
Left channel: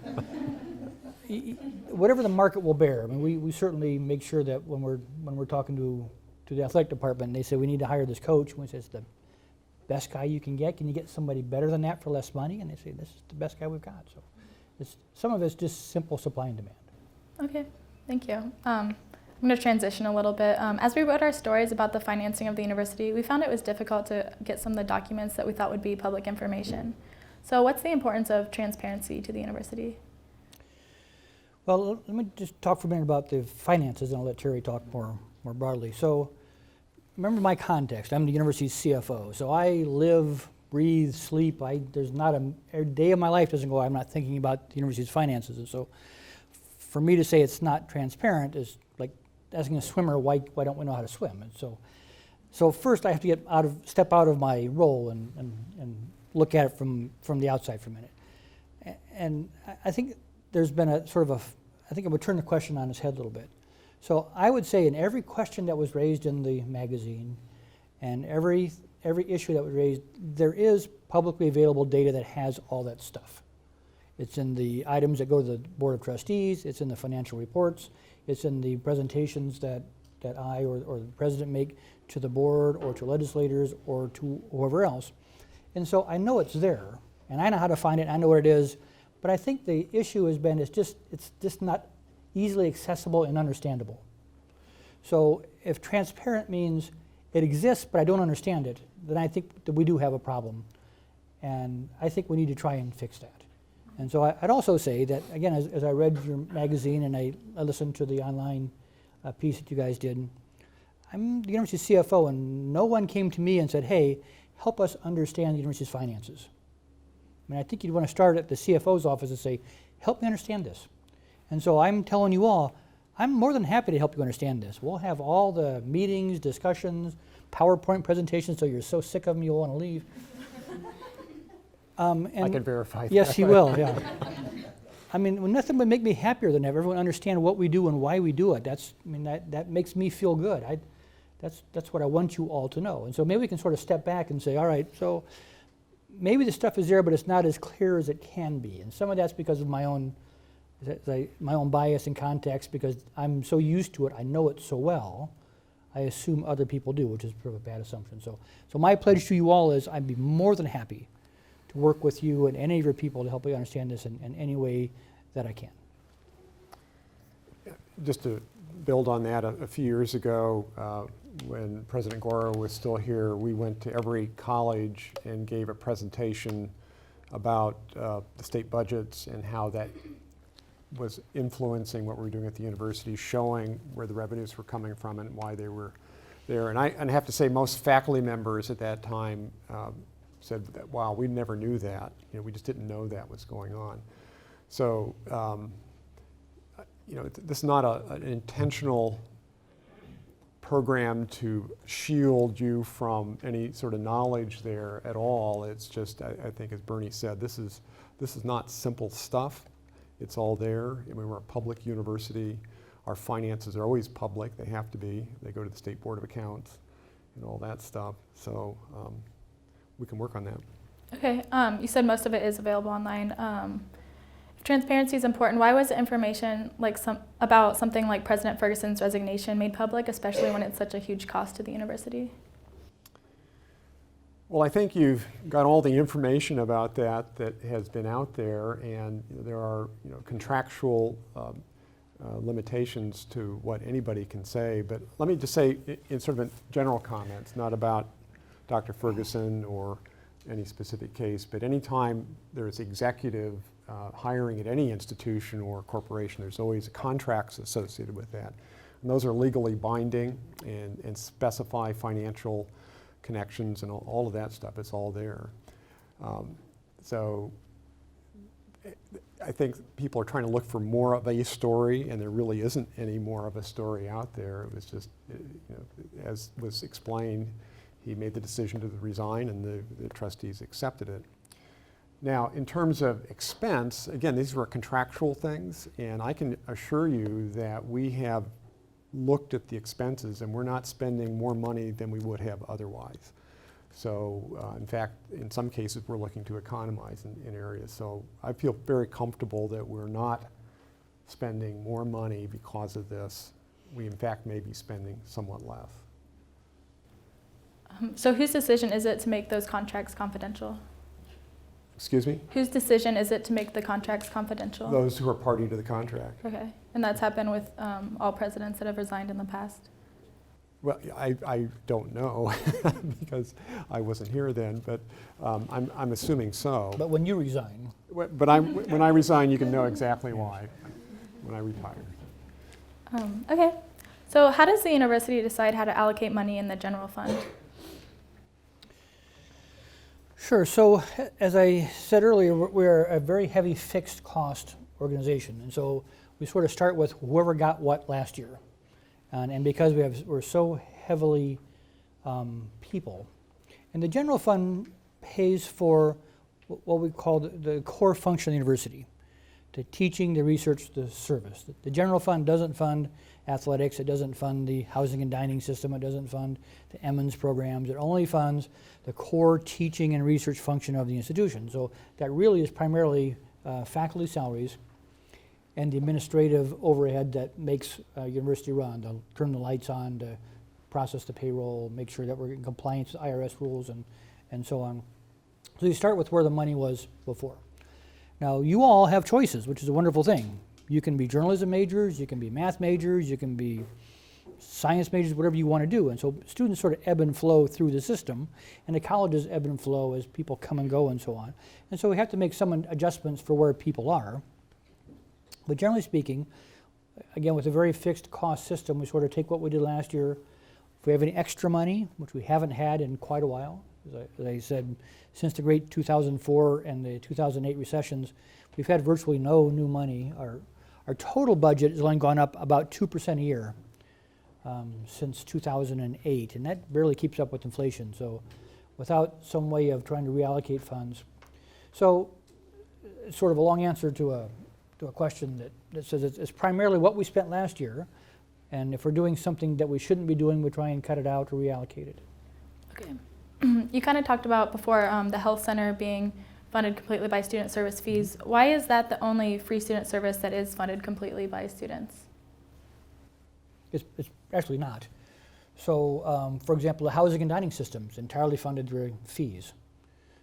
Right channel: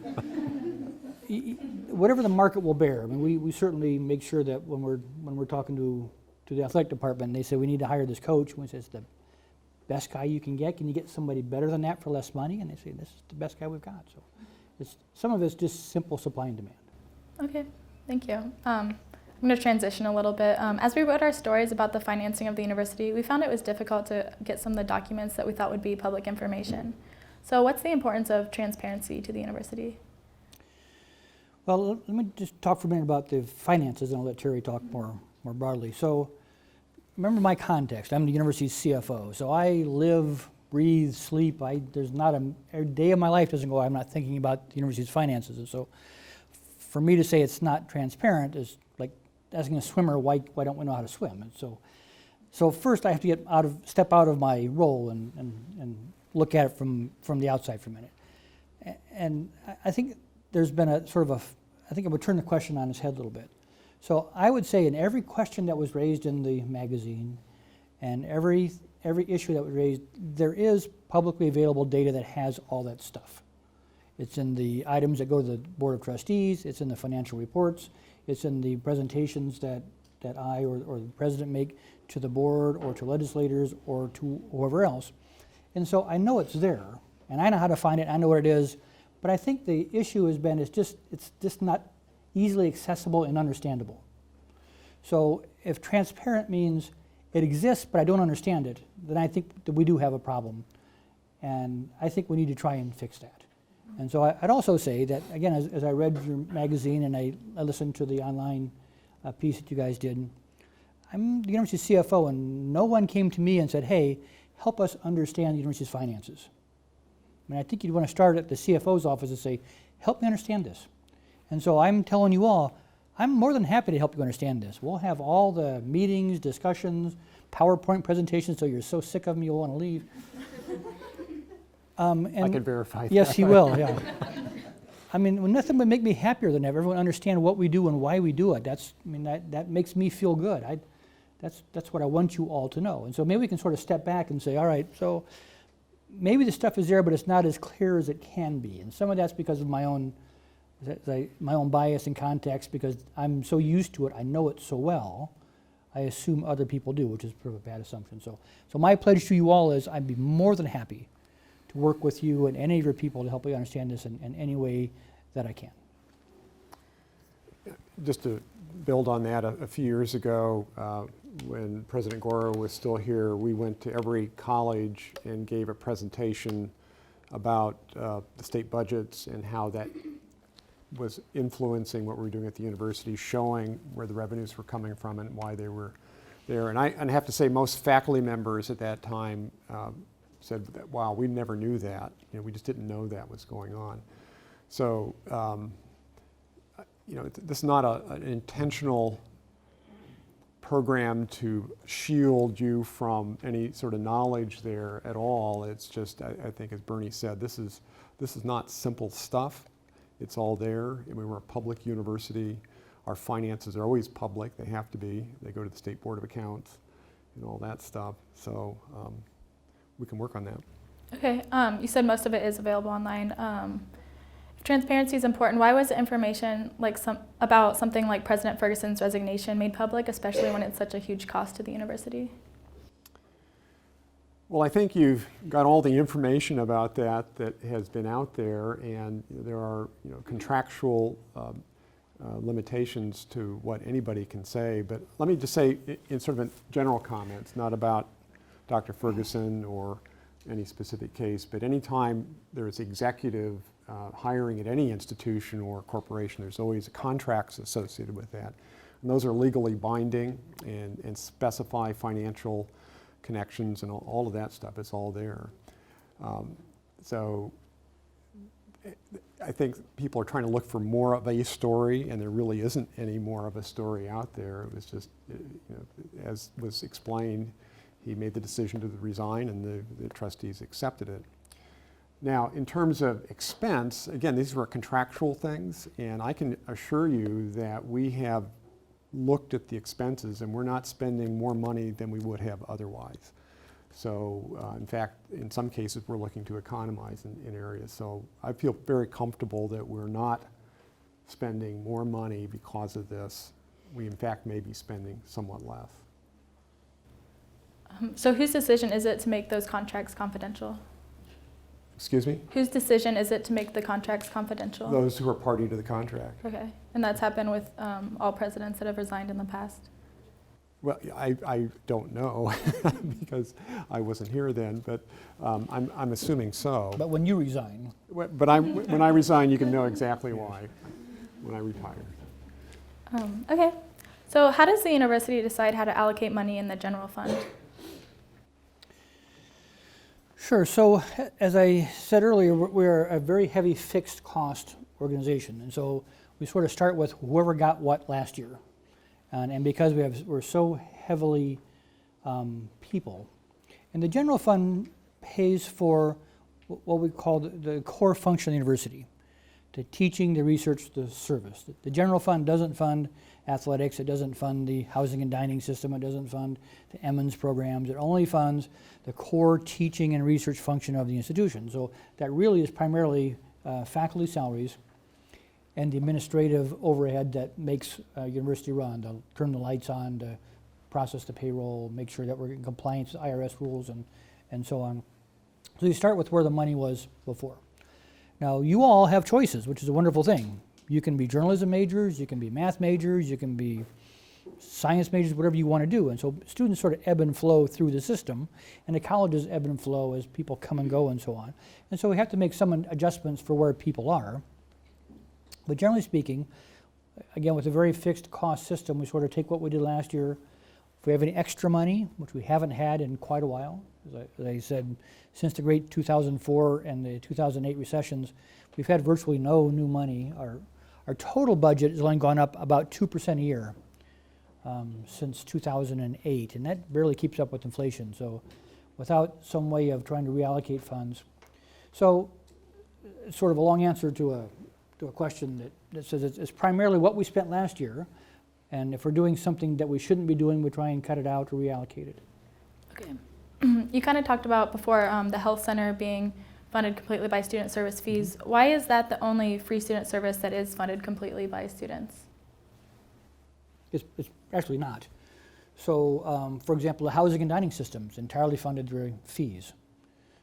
whatever the market will bear, we certainly make sure that when we're talking to the athletic department and they say we need to hire this coach, we say it's the best guy you can get you get somebody better than that for less money? And they say this is the best guy we've got. So some of it's just simple supply and demand. Okay, thank you. I'm going to transition a little bit. As we wrote our stories about the financing of the university, we found it was difficult to get some of the documents that we thought would be public information. So what's the importance of transparency to the university? Well, let me just talk for a minute about the finances, and I'll let Terry talk more broadly. So remember my context. I'm the university's CFO. So I live, breathe, sleep. There's not a day of my life doesn't go I'm not thinking about the university's finances. And so for me to say it's not transparent is like asking a swimmer why don't we know how to swim. And so first I have to step out of my role and look at it from the outside for a minute. And I think there's been I think I would turn the question on its head a little bit. So I would say in every question that was raised in the magazine and every issue that was raised, there is publicly available data that has all that stuff. It's in the items that go to the Board of Trustees, it's in the financial reports, it's in the presentations that I or the president make to the board or to legislators or to whoever else. And so I know it's there, and I know how to find it, I know what it is, but I think the issue has been it's just not easily accessible and understandable. So if transparent means it exists but I don't understand it, then I think that we do have a problem. And I think we need to try and fix that. And so I'd also say that, again, as I read your magazine and I listened to the online piece that you guys did, I'm the university CFO, and no one came to me and said, hey, help us understand the university's finances. I think you'd want to start at the CFO's office and say, help me understand this. And so I'm telling you all, I'm more than happy to help you understand this. We'll have all the meetings, discussions, PowerPoint presentations, so you're so sick of them you'll want to leave. I can verify that. Yes, he will, yeah. Nothing would make me happier than have everyone understand what we do and why we do it. That makes me feel good. That's what I want you all to know. And so maybe we can sort of step back and say, all right, so maybe the stuff is there, but it's not as clear as it can be. And some of that's because of my own My own bias and context, because I'm so used to it, I know it so well, I assume other people do, which is sort of a bad assumption. So my pledge to you all is I'd be more than happy to work with you and any of your people to help you understand this in any way that I can. Just to build on that, a few years ago, when President Gora was still here, we went to every college and gave a presentation about the state budgets and how that was influencing what we were doing at the university, showing where the revenues were coming from and why they were there. And I have to say, most faculty members at that time said that, wow, we never knew that. We just didn't know that was going on. So, this is not an intentional program to shield you from any sort of knowledge there at all. It's just, I think, as Bernie said, this is not simple stuff. It's all there. I mean, we're a public university. Our finances are always public. They have to be. They go to the State Board of Accounts and all that stuff. So we can work on that. Okay, you said most of it is available online. If transparency is important, why was the information about something like President Ferguson's resignation made public, especially when it's such a huge cost to the university? Well, I think you've got all the information about that has been out there, and there are contractual limitations to what anybody can say. But let me just say, in sort of general comments, not about Dr. Ferguson or any specific case, but anytime there's executive hiring at any institution or corporation, there's always contracts associated with that. And those are legally binding and specify financial connections and all of that stuff. It's all there. So I think people are trying to look for more of a story, and there really isn't any more of a story out there. It was just, as was explained, he made the decision to resign, and the trustees accepted it. Now, in terms of expense, again, these were contractual things, and I can assure you that we have looked at the expenses, and we're not spending more money than we would have otherwise. So, in fact, in some cases, we're looking to economize in areas. So I feel very comfortable that we're not spending more money because of this. We, in fact, may be spending somewhat less. So whose decision is it to make those contracts confidential? Excuse me? Whose decision is it to make the contracts confidential? Those who are party to the contract. Okay, and that's happened with all presidents that have resigned in the past? Well, I don't know because I wasn't here then, but I'm assuming so. But when you resign. But when I resign, you can know exactly why, when I retire. Okay, so how does the university decide how to allocate money in the general fund? Sure. So as I said earlier, we're a very heavy fixed cost organization. And so we sort of start with whoever got what last year. And because we're so heavily people. And the general fund pays for what we call the core function of the university. The teaching, the research, the service. The general fund doesn't fund athletics, it doesn't fund the housing and dining system, it doesn't fund the Emmons programs, it only funds the core teaching and research function of the institution. So that really is primarily faculty salaries and the administrative overhead that makes university run, to turn the lights on, to process the payroll, make sure that we're in compliance with IRS rules and so on. So you start with where the money was before. Now, you all have choices, which is a wonderful thing. You can be journalism majors, you can be math majors, you can be science majors, whatever you want to do. And so students sort of ebb and flow through the system, and the colleges ebb and flow as people come and go and so on. And so we have to make some adjustments for where people are. But generally speaking, again, with a very fixed cost system, we sort of take what we did last year. If we have any extra money, which we haven't had in quite a while, as I said, since the great 2004 and the 2008 recessions, we've had virtually no new money. Our total budget has only gone up about 2% a year since 2008, and that barely keeps up with inflation. So without some way of trying to reallocate funds. So it's sort of a long answer to a question that says it's primarily what we spent last year, and if we're doing something that we shouldn't be doing, we try and cut it out or reallocate it. Okay. You kind of talked about before the health center being funded completely by student service fees. Why is that the only free student service that is funded completely by students? It's actually not. So, for example, the housing and dining system is entirely funded through fees.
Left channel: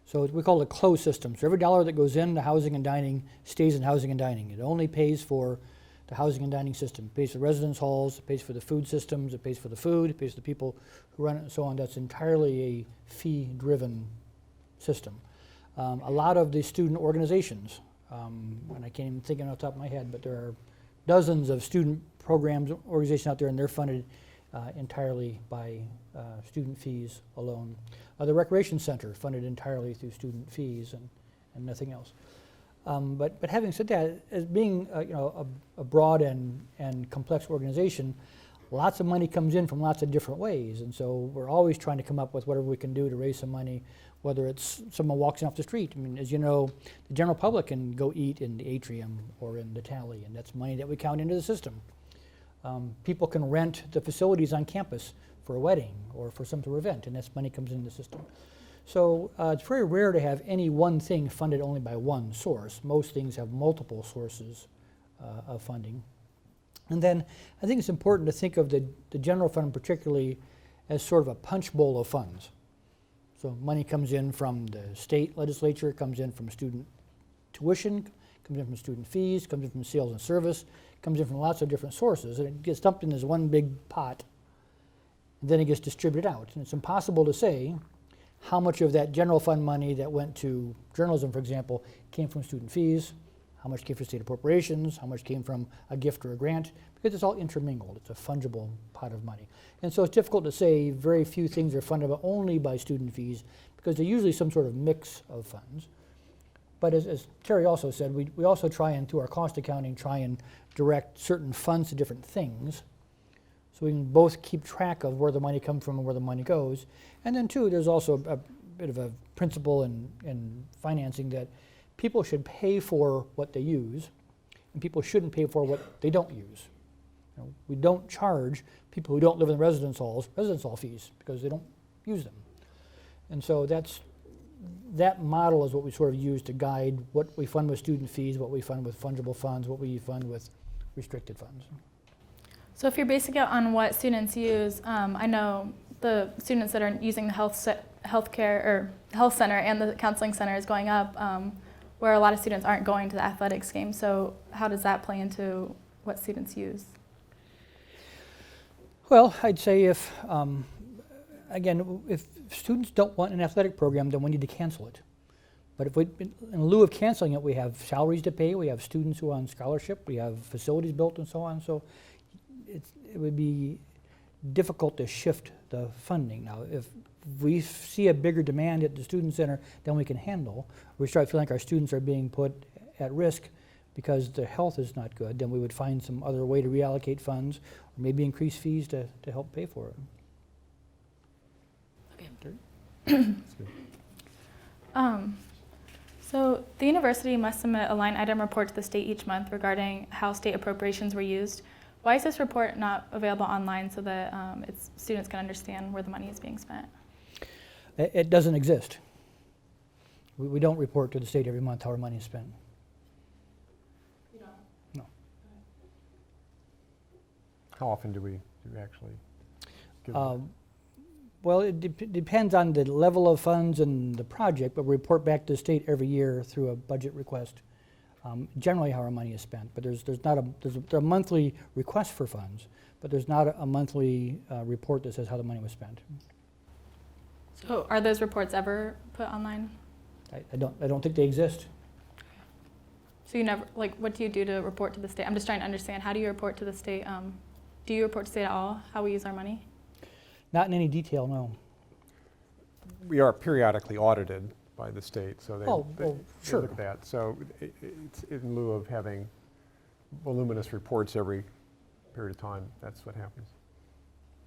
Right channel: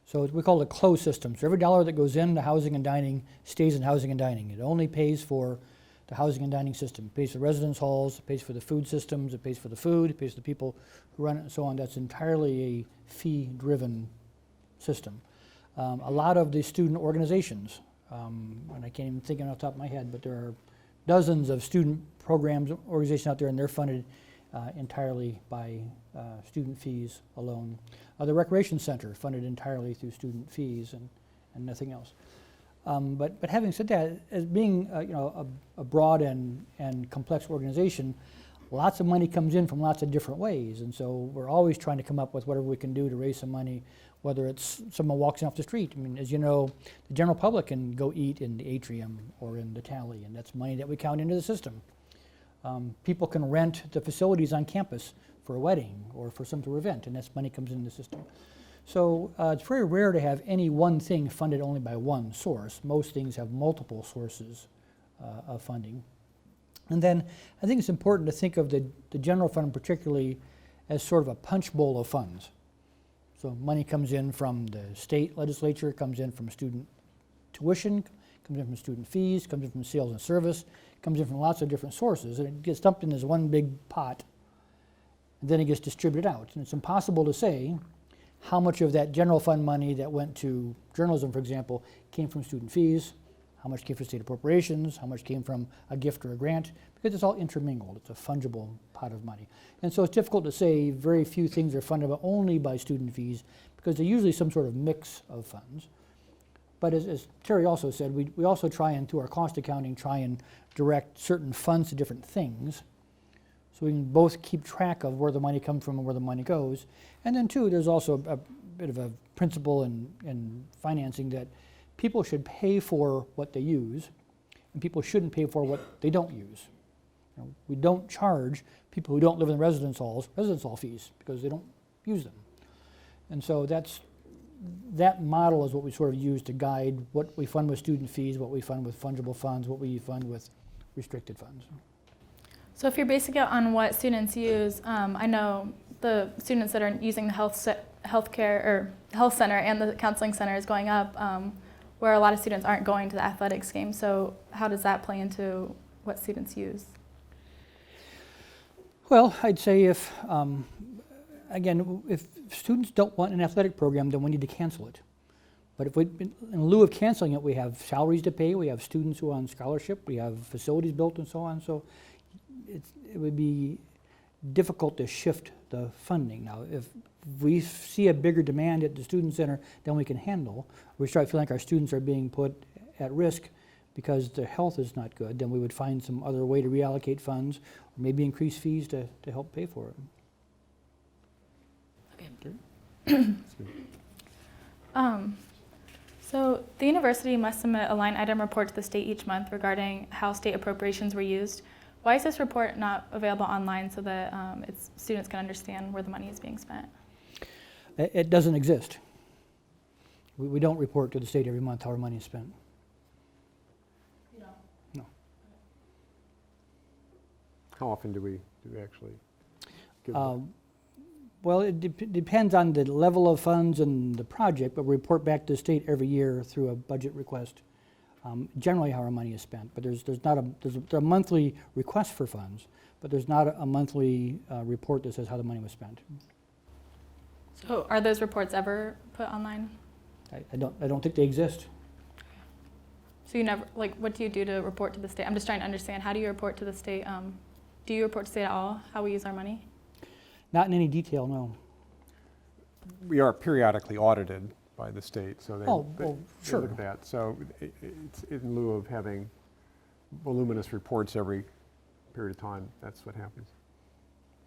So we call it a closed system. So every dollar that goes into housing and dining stays in housing and dining. It only pays for the housing and dining system. It pays for residence halls, it pays for the food systems, it pays for the food, it pays for the people who run it and so on. That's entirely a fee-driven system. A lot of the student organizations, and I can't even think of it off the top of my head, but there are dozens of student programs, organizations out there, and they're funded entirely by student fees alone. The Recreation Center funded entirely through student fees and nothing else. But having said that, as being a broad and complex organization, lots of money comes in from lots of different ways, and so we're always trying to come up with whatever we can do to raise some money, whether it's someone walks in off the street. I mean, as you know, the general public can go eat in the atrium or in the Tally, and that's money that we count into the system. People can rent the facilities on campus for a wedding or for some sort of event, and that's money comes into the system. So it's very rare to have any one thing funded only by one source. Most things have multiple sources of funding. And then I think it's important to think of the general fund particularly as sort of a punch bowl of funds. So money comes in from the state legislature, comes in from student tuition, comes in from student fees, comes in from sales and service, comes in from lots of different sources, and it gets dumped in this one big pot, and then it gets distributed out. And it's impossible to say how much of that general fund money that went to journalism, for example, came from student fees, how much came from state appropriations, how much came from a gift or a grant, because it's all intermingled. It's a fungible pot of money. And so it's difficult to say very few things are funded only by student fees, because they're usually some sort of mix of funds. But as Terry also said, we also try and, through our cost accounting, try and direct certain funds to different things, so we can both keep track of where the money comes from and where the money goes. And then too, there's also a bit of a principle in financing that people should pay for what they use, and people shouldn't pay for what they don't use. You know, we don't charge people who don't live in residence halls residence hall fees because they don't use them. And so that model is what we sort of use to guide what we fund with student fees, what we fund with fungible funds, what we fund with restricted funds. So if you're basing it on what students use, I know the students that are using the health center and the counseling center is going up, where a lot of students aren't going to the athletics game. So how does that play into what students use? Well, I'd say if students don't want an athletic program, then we need to cancel it. But if in lieu of canceling it, we have salaries to pay, we have students who are on scholarship, we have facilities built and so on. So it would be difficult to shift the funding. Now, if we see a bigger demand at the student center than we can handle, we start feeling like our students are being put at risk because their health is not good, then we would find some other way to reallocate funds or maybe increase fees to help pay for it. So the university must submit a line item report to the state each month regarding how state appropriations were used. Why is this report not available online so that students can understand where the money is being spent? It doesn't exist. We don't report to the state every month how our money is spent. You don't? No. How often do we actually give Well, it depends on the level of funds and the project, but we report back to the state every year through a budget request, generally how our money is spent. But there's a monthly request for funds, but there's not a monthly report that says how the money was spent. So are those reports ever put online? I don't think they exist. So you never, what do you do to report to the state? I'm just trying to understand, how do you report to the state? Do you report to the state at all, how we use our money? Not in any detail, no. We are periodically audited by the state, so they sure. look at that. So it's in lieu of having voluminous reports every period of time, that's what happens.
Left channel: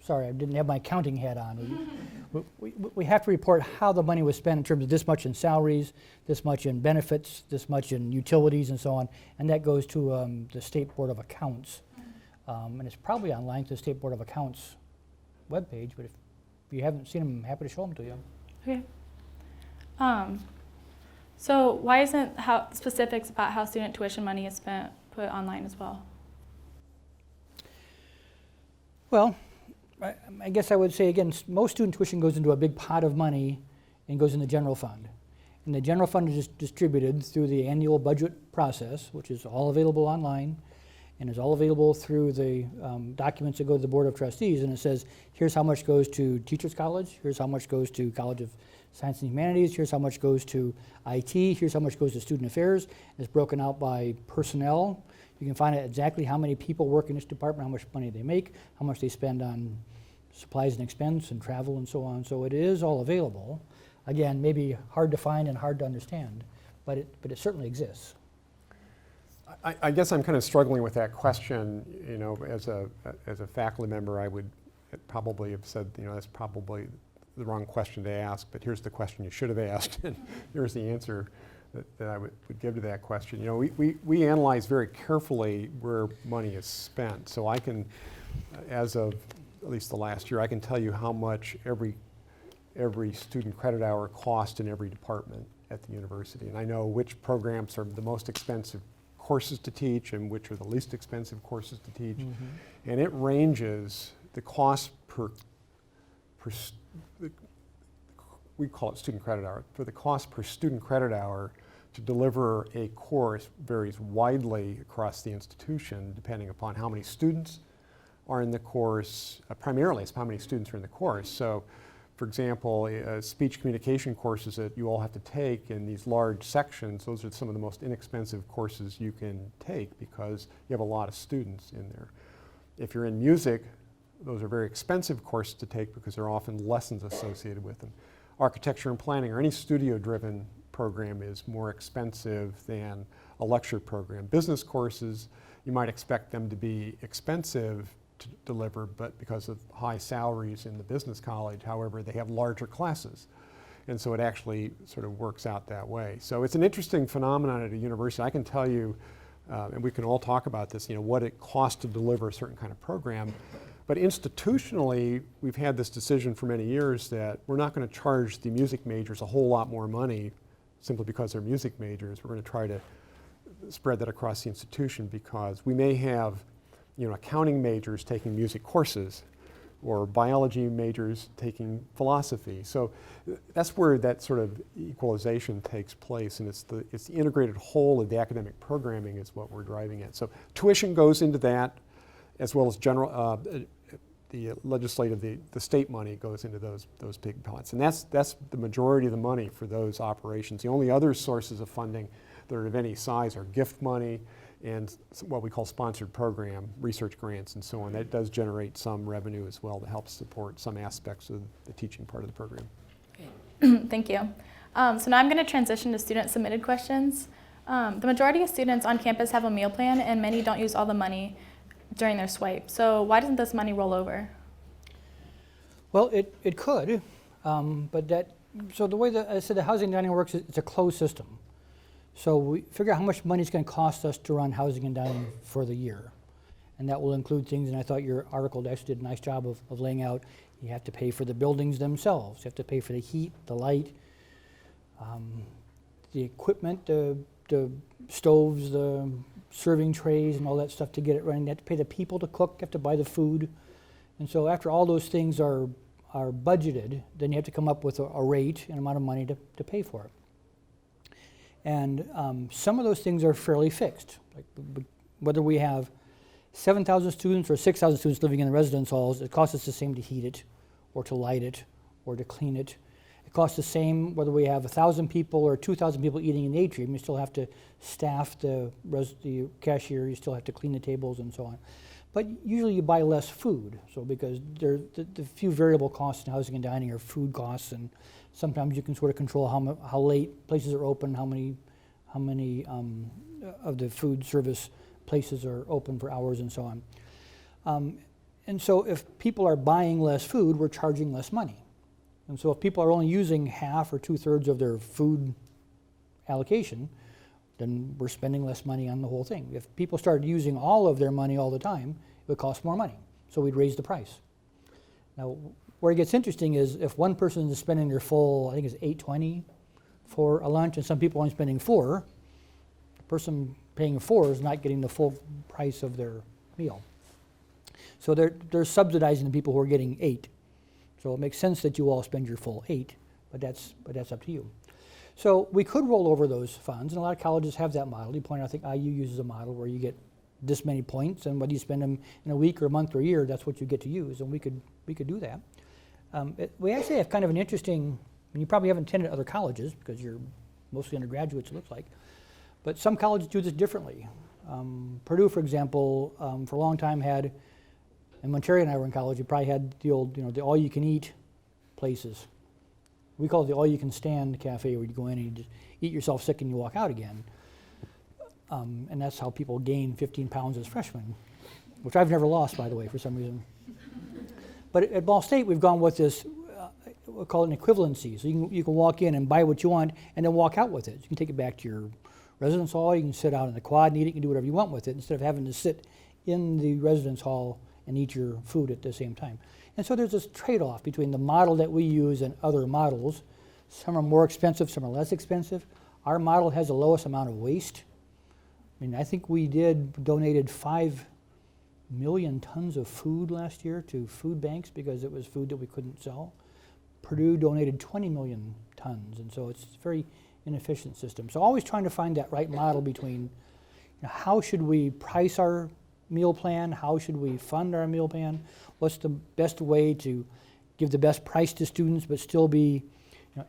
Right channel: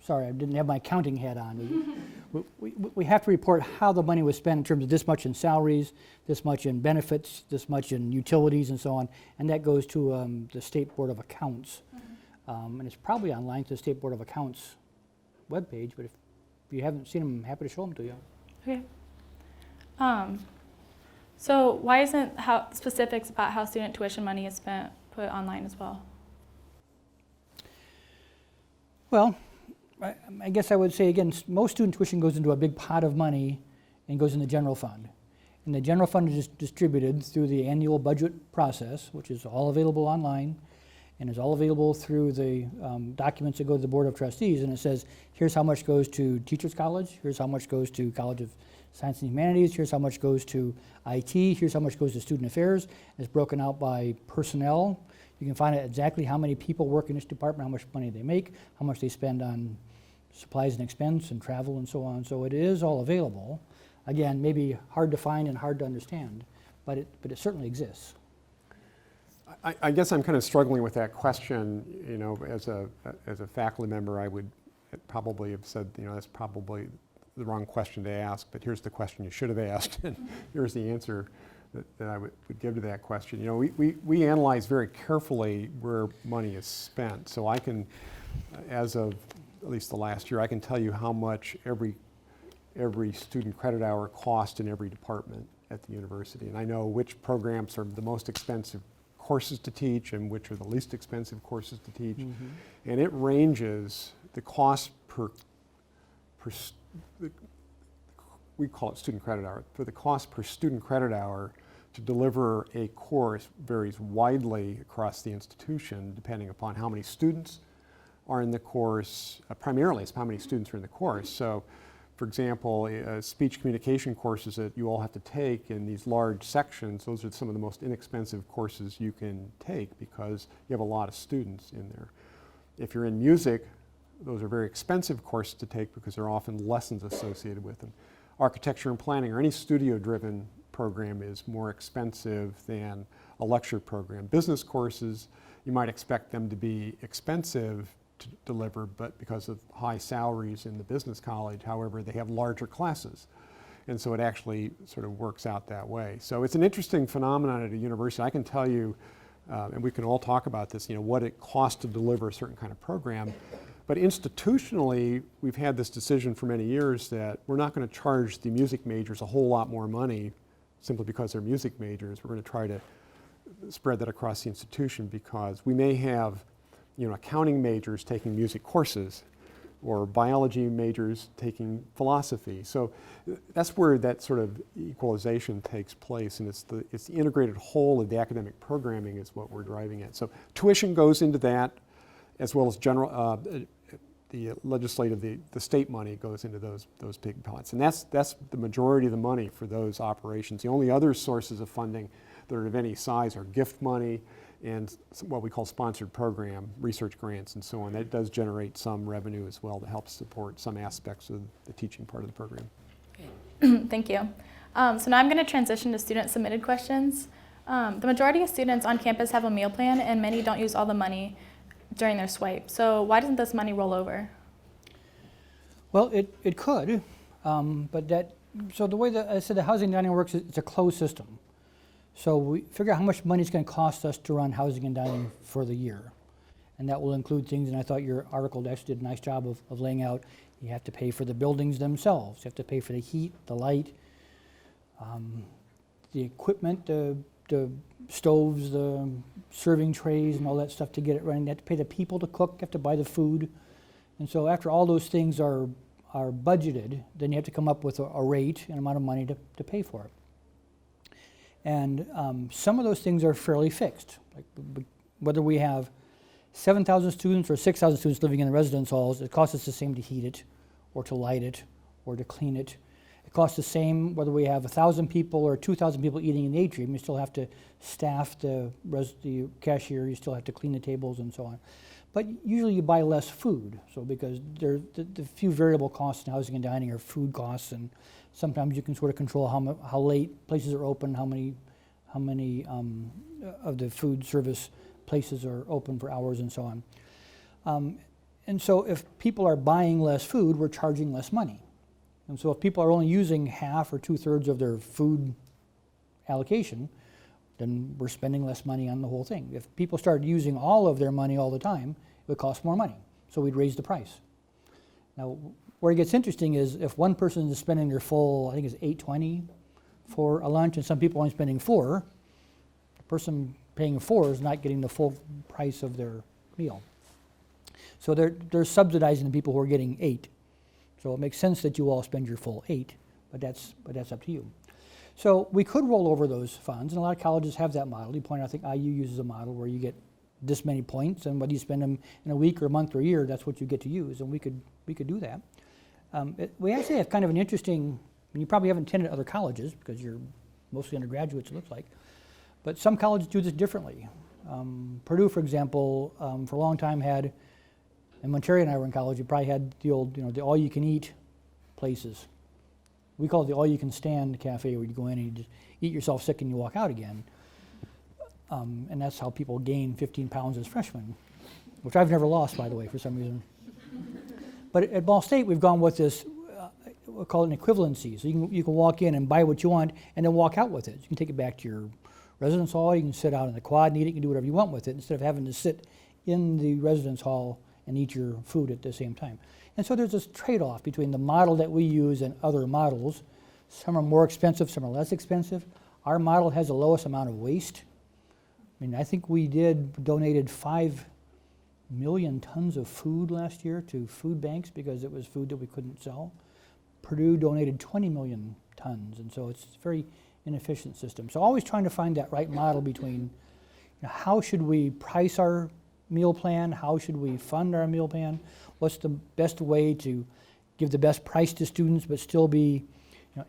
Sorry, I didn't have my accounting hat on. We have to report how the money was spent in terms of this much in salaries, this much in benefits, this much in utilities and so on, and that goes to the State Board of Accounts. And it's probably online to the State Board of Accounts webpage, but if you haven't seen them, I'm happy to show them to you. Okay. So why isn't specifics about how student tuition money is spent put online as well? Well, I guess I would say, again, most student tuition goes into a big pot of money and goes in the general fund. And the general fund is distributed through the annual budget process, which is all available online and is all available through the documents that go to the Board of Trustees. And it says, here's how much goes to Teachers College, here's how much goes to College of Science and Humanities, here's how much goes to IT, here's how much goes to Student Affairs. It's broken out by personnel. You can find out exactly how many people work in this department, how much money they make, how much they spend on supplies and expense and travel and so on. So it is all available. Again, maybe hard to find and hard to understand, but it certainly exists. I guess I'm kind of struggling with that question. You know, as a faculty member, I would probably have said, you know, that's probably the wrong question to ask, but here's the question you should have asked, and here's the answer that I would give to that question. You know, we analyze very carefully where money is spent. So I can, as of at least the last year, I can tell you how much every student credit hour cost in every department at the university. And I know which programs are the most expensive courses to teach and which are the least expensive courses to teach. Mm-hmm. And it ranges, the cost per we call it student credit hour. For the cost per student credit hour to deliver a course varies widely across the institution depending upon how many students are in the course. Primarily it's how many students are in the course. So for example, speech communication courses that you all have to take in these large sections, those are some of the most inexpensive courses you can take because you have a lot of students in there. If you're in music, those are very expensive courses to take because there are often lessons associated with them. Architecture and planning or any studio-driven program is more expensive than a lecture program. Business courses, you might expect them to be expensive to deliver, but because of high salaries in the business college, however, they have larger classes. And so it actually sort of works out that way. So it's an interesting phenomenon at a university. I can tell you, and we can all talk about this, you know, what it costs to deliver a certain kind of program. But institutionally, we've had this decision for many years that we're not going to charge the music majors a whole lot more money simply because they're music majors. We're going to try to spread that across the institution because we may have, you know, accounting majors taking music courses or biology majors taking philosophy. So that's where that sort of equalization takes place, and it's the integrated whole of the academic programming is what we're driving at. So tuition goes into that, as well as general, the legislative, the state money goes into those big pots. And that's the majority of the money for those operations. The only other sources of funding that are of any size are gift money and what we call sponsored program, research grants and so on. That does generate some revenue as well to help support some aspects of the teaching part of the program. Thank you. So now I'm going to transition to student submitted questions. The majority of students on campus have a meal plan and many don't use all the money during their swipe. So why doesn't this money roll over? Well, it could, so the way that I said the housing and dining works, it's a closed system. So we figure out how much money it's going to cost us to run housing and dining for the year. And that will include things, and I thought your article actually did a nice job of laying out, you have to pay for the buildings themselves, you have to pay for the heat, the light, the equipment, the stoves, the serving trays and all that stuff to get it running. You have to pay the people to cook, you have to buy the food. And so after all those things are budgeted, then you have to come up with a rate and amount of money to pay for it. And some of those things are fairly fixed. Like whether we have 7,000 students or 6,000 students living in the residence halls, it costs us the same to heat it or to light it or to clean it. It costs the same whether we have 1,000 people or 2,000 people eating in the atrium. You still have to staff the cashier, you still have to clean the tables and so on. But usually you buy less food, so because the few variable costs in housing and dining are food costs, and sometimes you can sort of control how late places are open, how many of the food service places are open for hours and so on. And so if people are buying less food, we're charging less money. And so if people are only using half or 2/3 of their food allocation, then we're spending less money on the whole thing. If people started using all of their money all the time, it would cost more money. So we'd raise the price. Now, where it gets interesting is if one person is spending their full, I think it's $8.20 for a lunch and some people only spending $4, the person paying $4 is not getting the full price of their meal. So they're subsidizing the people who are getting $8. So it makes sense that you all spend your full $8, but that's up to you. So we could roll over those funds, and a lot of colleges have that model. You point out, I think IU uses a model where you get this many points, and whether you spend them in a week or a month or a year, that's what you get to use, and we could do that. We actually have kind of an interesting, and you probably haven't attended other colleges because you're mostly undergraduates, it looks like, but some colleges do this differently. Purdue, for example, for a long time had, and when Terry and I were in college, you probably had the old, the all-you-can-eat places. We call it the all-you-can-stand cafe, where you go in and you just eat yourself sick and you walk out again. And that's how people gain 15 pounds as freshmen, which I've never lost, by the way, for some reason. But at Ball State, we've gone with this, we'll call it an equivalency. So you can walk in and buy what you want and then walk out with it. You can take it back to your residence hall, you can sit out in the quad and eat it, you can do whatever you want with it instead of having to sit in the residence hall and eat your food at the same time. And so there's this trade-off between the model that we use and other models. Some are more expensive, some are less expensive. Our model has the lowest amount of waste. I mean, I think we donated 5 million tons of food last year to food banks because it was food that we couldn't sell. Purdue donated 20 million tons, and so it's a very inefficient system. So always trying to find that right model between how should we price our meal plan, how should we fund our meal plan, what's the best way to give the best price to students but still be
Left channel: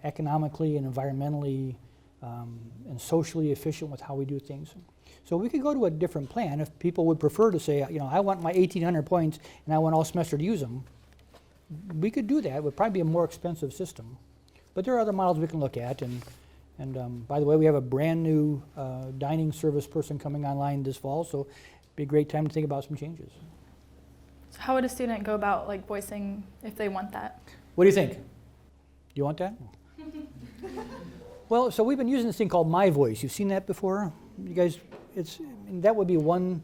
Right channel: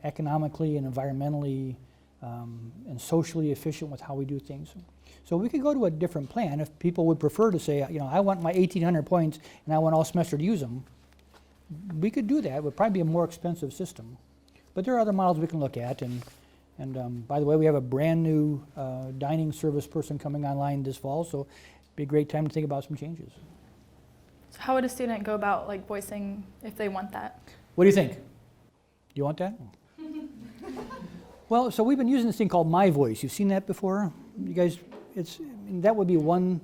economically and environmentally and socially efficient with how we do things. So we could go to a different plan if people would prefer to say, I want my 1,800 points and I want all semester to use them. We could do that. It would probably be a more expensive system. But there are other models we can look at. And by the way, we have a brand new dining service person coming online this fall, so it'd be a great time to think about some changes. So how would a student go about voicing if they want that? What do you think? Do you want that? Well, so we've been using this thing called My Voice. You've seen that before? You guys, that would be one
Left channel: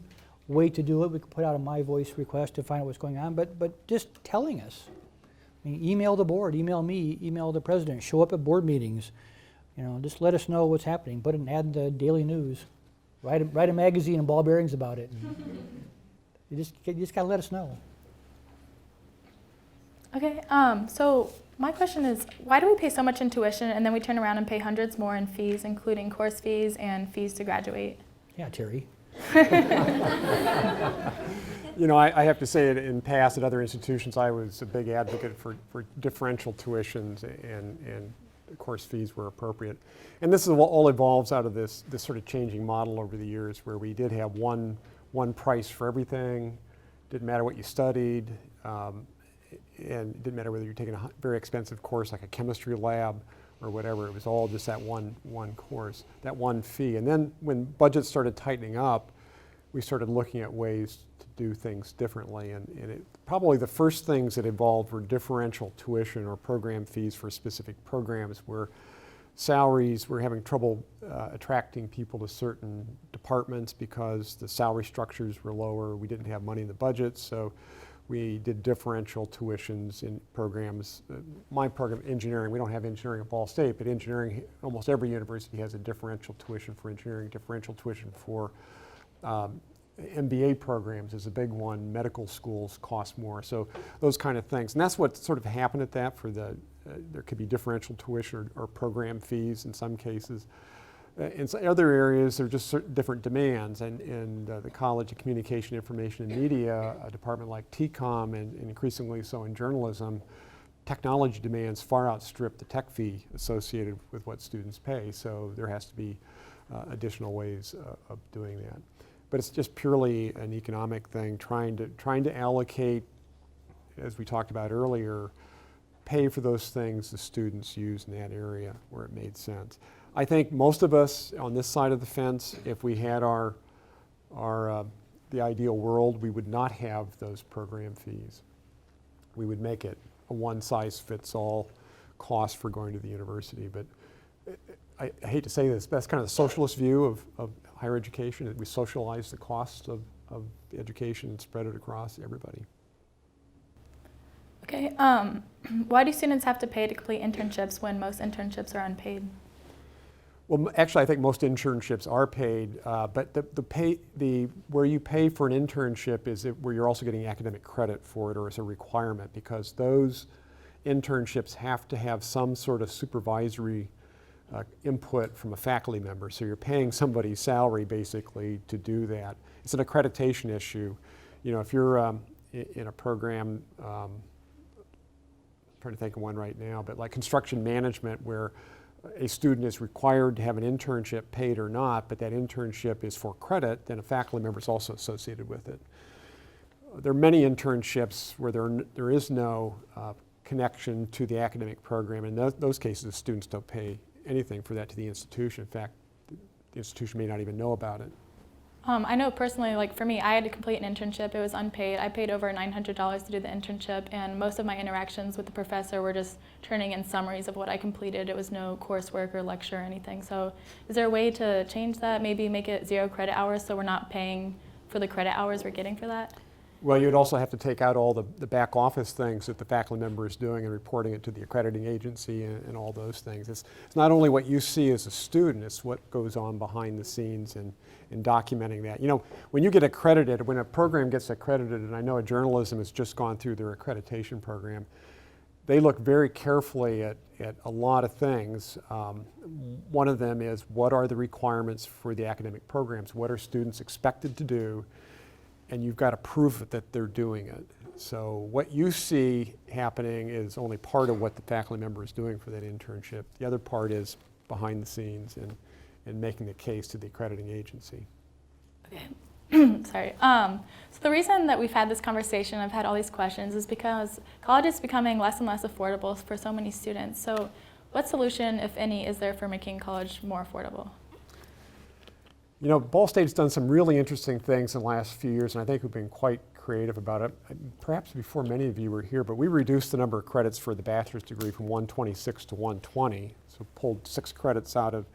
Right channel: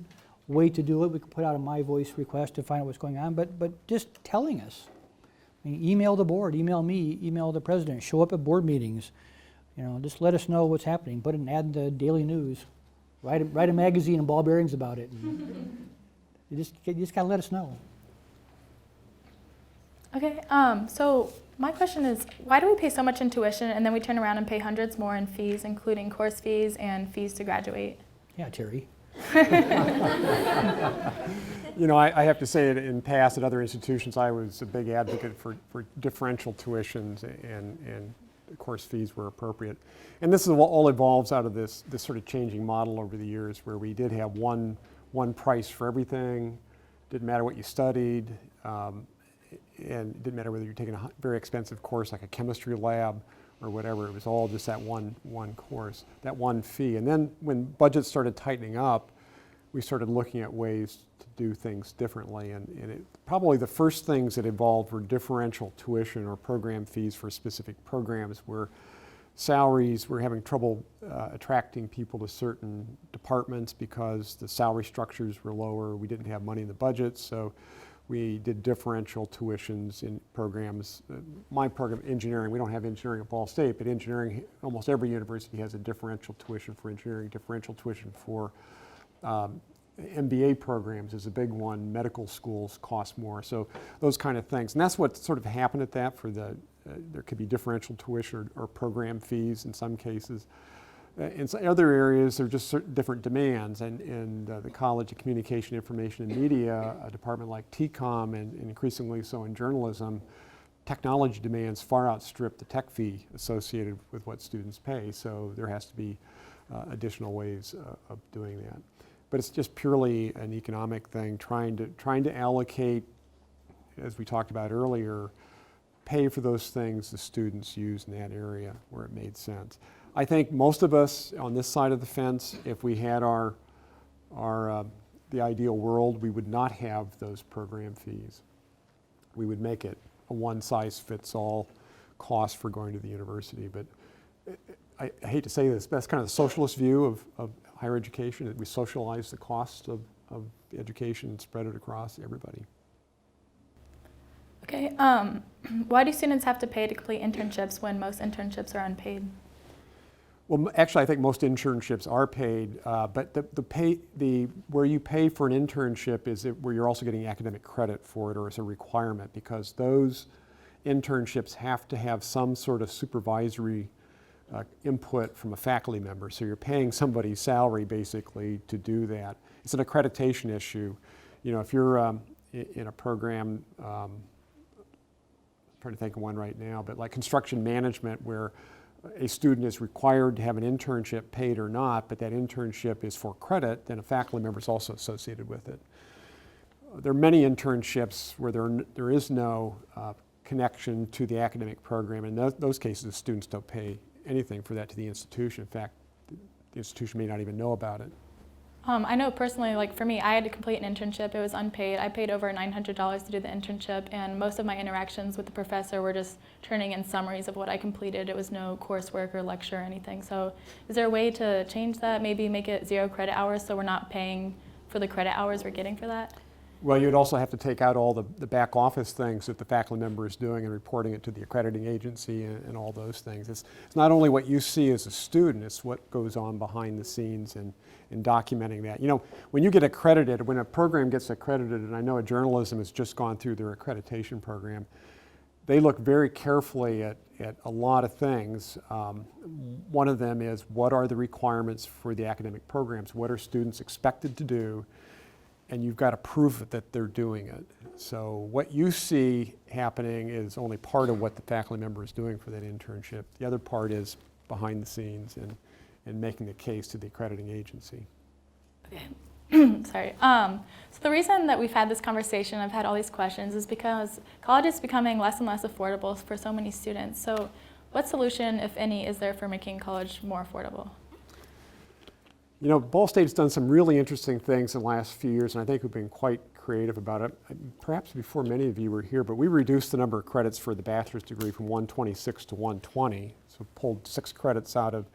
way to do it. We could put out a My Voice request to find out what's going on, but just telling us. I mean, email the board, email me, email the president, show up at board meetings. Just let us know what's happening. Put an ad in the Daily News. Write a magazine and ball bearings about it. You just got to let us know. Okay, so my question is, why do we pay so much in tuition and then we turn around and pay hundreds more in fees, including course fees and fees to graduate? Yeah, Terry. I have to say in past at other institutions, I was a big advocate for differential tuitions and course fees were appropriate. And this is all evolves out of this sort of changing model over the years where we did have one price for everything. Didn't matter what you studied. And it didn't matter whether you're taking a very expensive course like a chemistry lab or whatever. It was all just that one course, that one fee. And then when budgets started tightening up, we started looking at ways to do things differently. And probably the first things that evolved were differential tuition or program fees for specific programs where salaries, we're having trouble attracting people to certain departments because the salary structures were lower. We didn't have money in the budget, so we did differential tuitions in programs. My program, engineering, we don't have engineering at Ball State, but engineering, almost every university has a differential tuition for engineering, differential tuition for MBA programs is a big one. Medical schools cost more, so those kind of things. And that's what sort of happened at that for there could be differential tuition or program fees in some cases. In other areas, there are just certain different demands, and the College of Communication, Information, and Media, a department like TCOM, and increasingly so in journalism, technology demands far outstrip the tech fee associated with what students pay, so there has to be additional ways of doing that. But it's just purely an economic thing, trying to allocate, as we talked about earlier, pay for those things the students use in that area where it made sense. I think most of us on this side of the fence, if we had the ideal world, we would not have those program fees. We would make it a one-size-fits-all cost for going to the university. But I hate to say this, but that's kind of the socialist view of higher education, that we socialize the cost of education and spread it across everybody. Okay, why do students have to pay to complete internships when most internships are unpaid? Well, actually, I think most internships are paid, but where you pay for an internship is where you're also getting academic credit for it, or as a requirement, because those internships have to have some sort of supervisory input from a faculty member. So you're paying somebody's salary basically to do that. It's an accreditation issue. You know, if you're in a program, I'm trying to think of one right now, but like construction management, where a student is required to have an internship, paid or not, but that internship is for credit, then a faculty member is also associated with it. There are many internships where there is no connection to the academic program. In those cases, the students don't pay anything for that to the institution. In fact, the institution may not even know about it. I know personally, like for me, I had to complete an internship. It was unpaid. I paid over $900 to do the internship, and most of my interactions with the professor were just turning in summaries of what I completed. It was no coursework or lecture or anything. So is there a way to change that? Maybe make it 0 credit hours so we're not paying for the credit hours we're getting for that? Well, you'd also have to take out all the back office things that the faculty member is doing and reporting it to the accrediting agency and all those things. It's not only what you see as a student, it's what goes on behind the scenes and documenting that. You know, when you get accredited, when a program gets accredited, and I know journalism has just gone through their accreditation program, they look very carefully at a lot of things. One of them is, what are the requirements for the academic programs? What are students expected to do? And you've got to prove that they're doing it. So what you see happening is only part of what the faculty member is doing for that internship. The other part is behind the scenes and making the case to the accrediting agency. Okay. Sorry. So the reason that we've had this conversation, I've had all these questions, is because college is becoming less and less affordable for so many students. So what solution, if any, is there for making college more affordable? You know, Ball State's done some really interesting things in the last few years, and I think we've been quite creative about it. Perhaps before many of you were here, but we reduced the number of credits for the bachelor's degree from 126 to 120. So pulled 6 credits out of,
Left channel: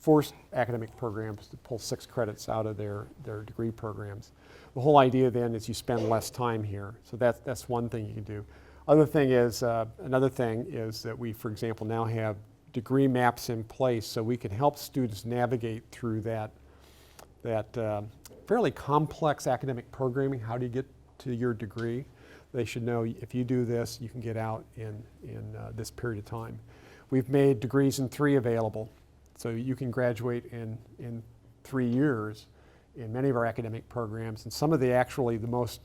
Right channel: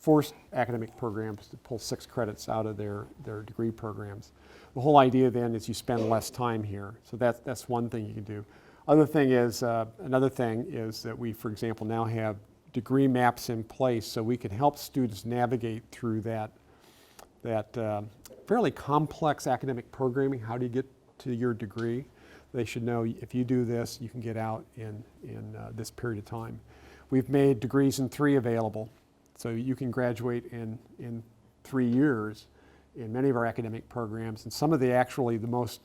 forced academic programs to pull 6 credits out of their degree programs. The whole idea then is you spend less time here. So that's one thing you can do. Another thing is that we, for example, now have degree maps in place so we can help students navigate through that fairly complex academic programming. How do you get to your degree? They should know, if you do this, you can get out in this period of time. We've made degrees in 3 available, so you can graduate in 3 years in many of our academic programs. And some of the most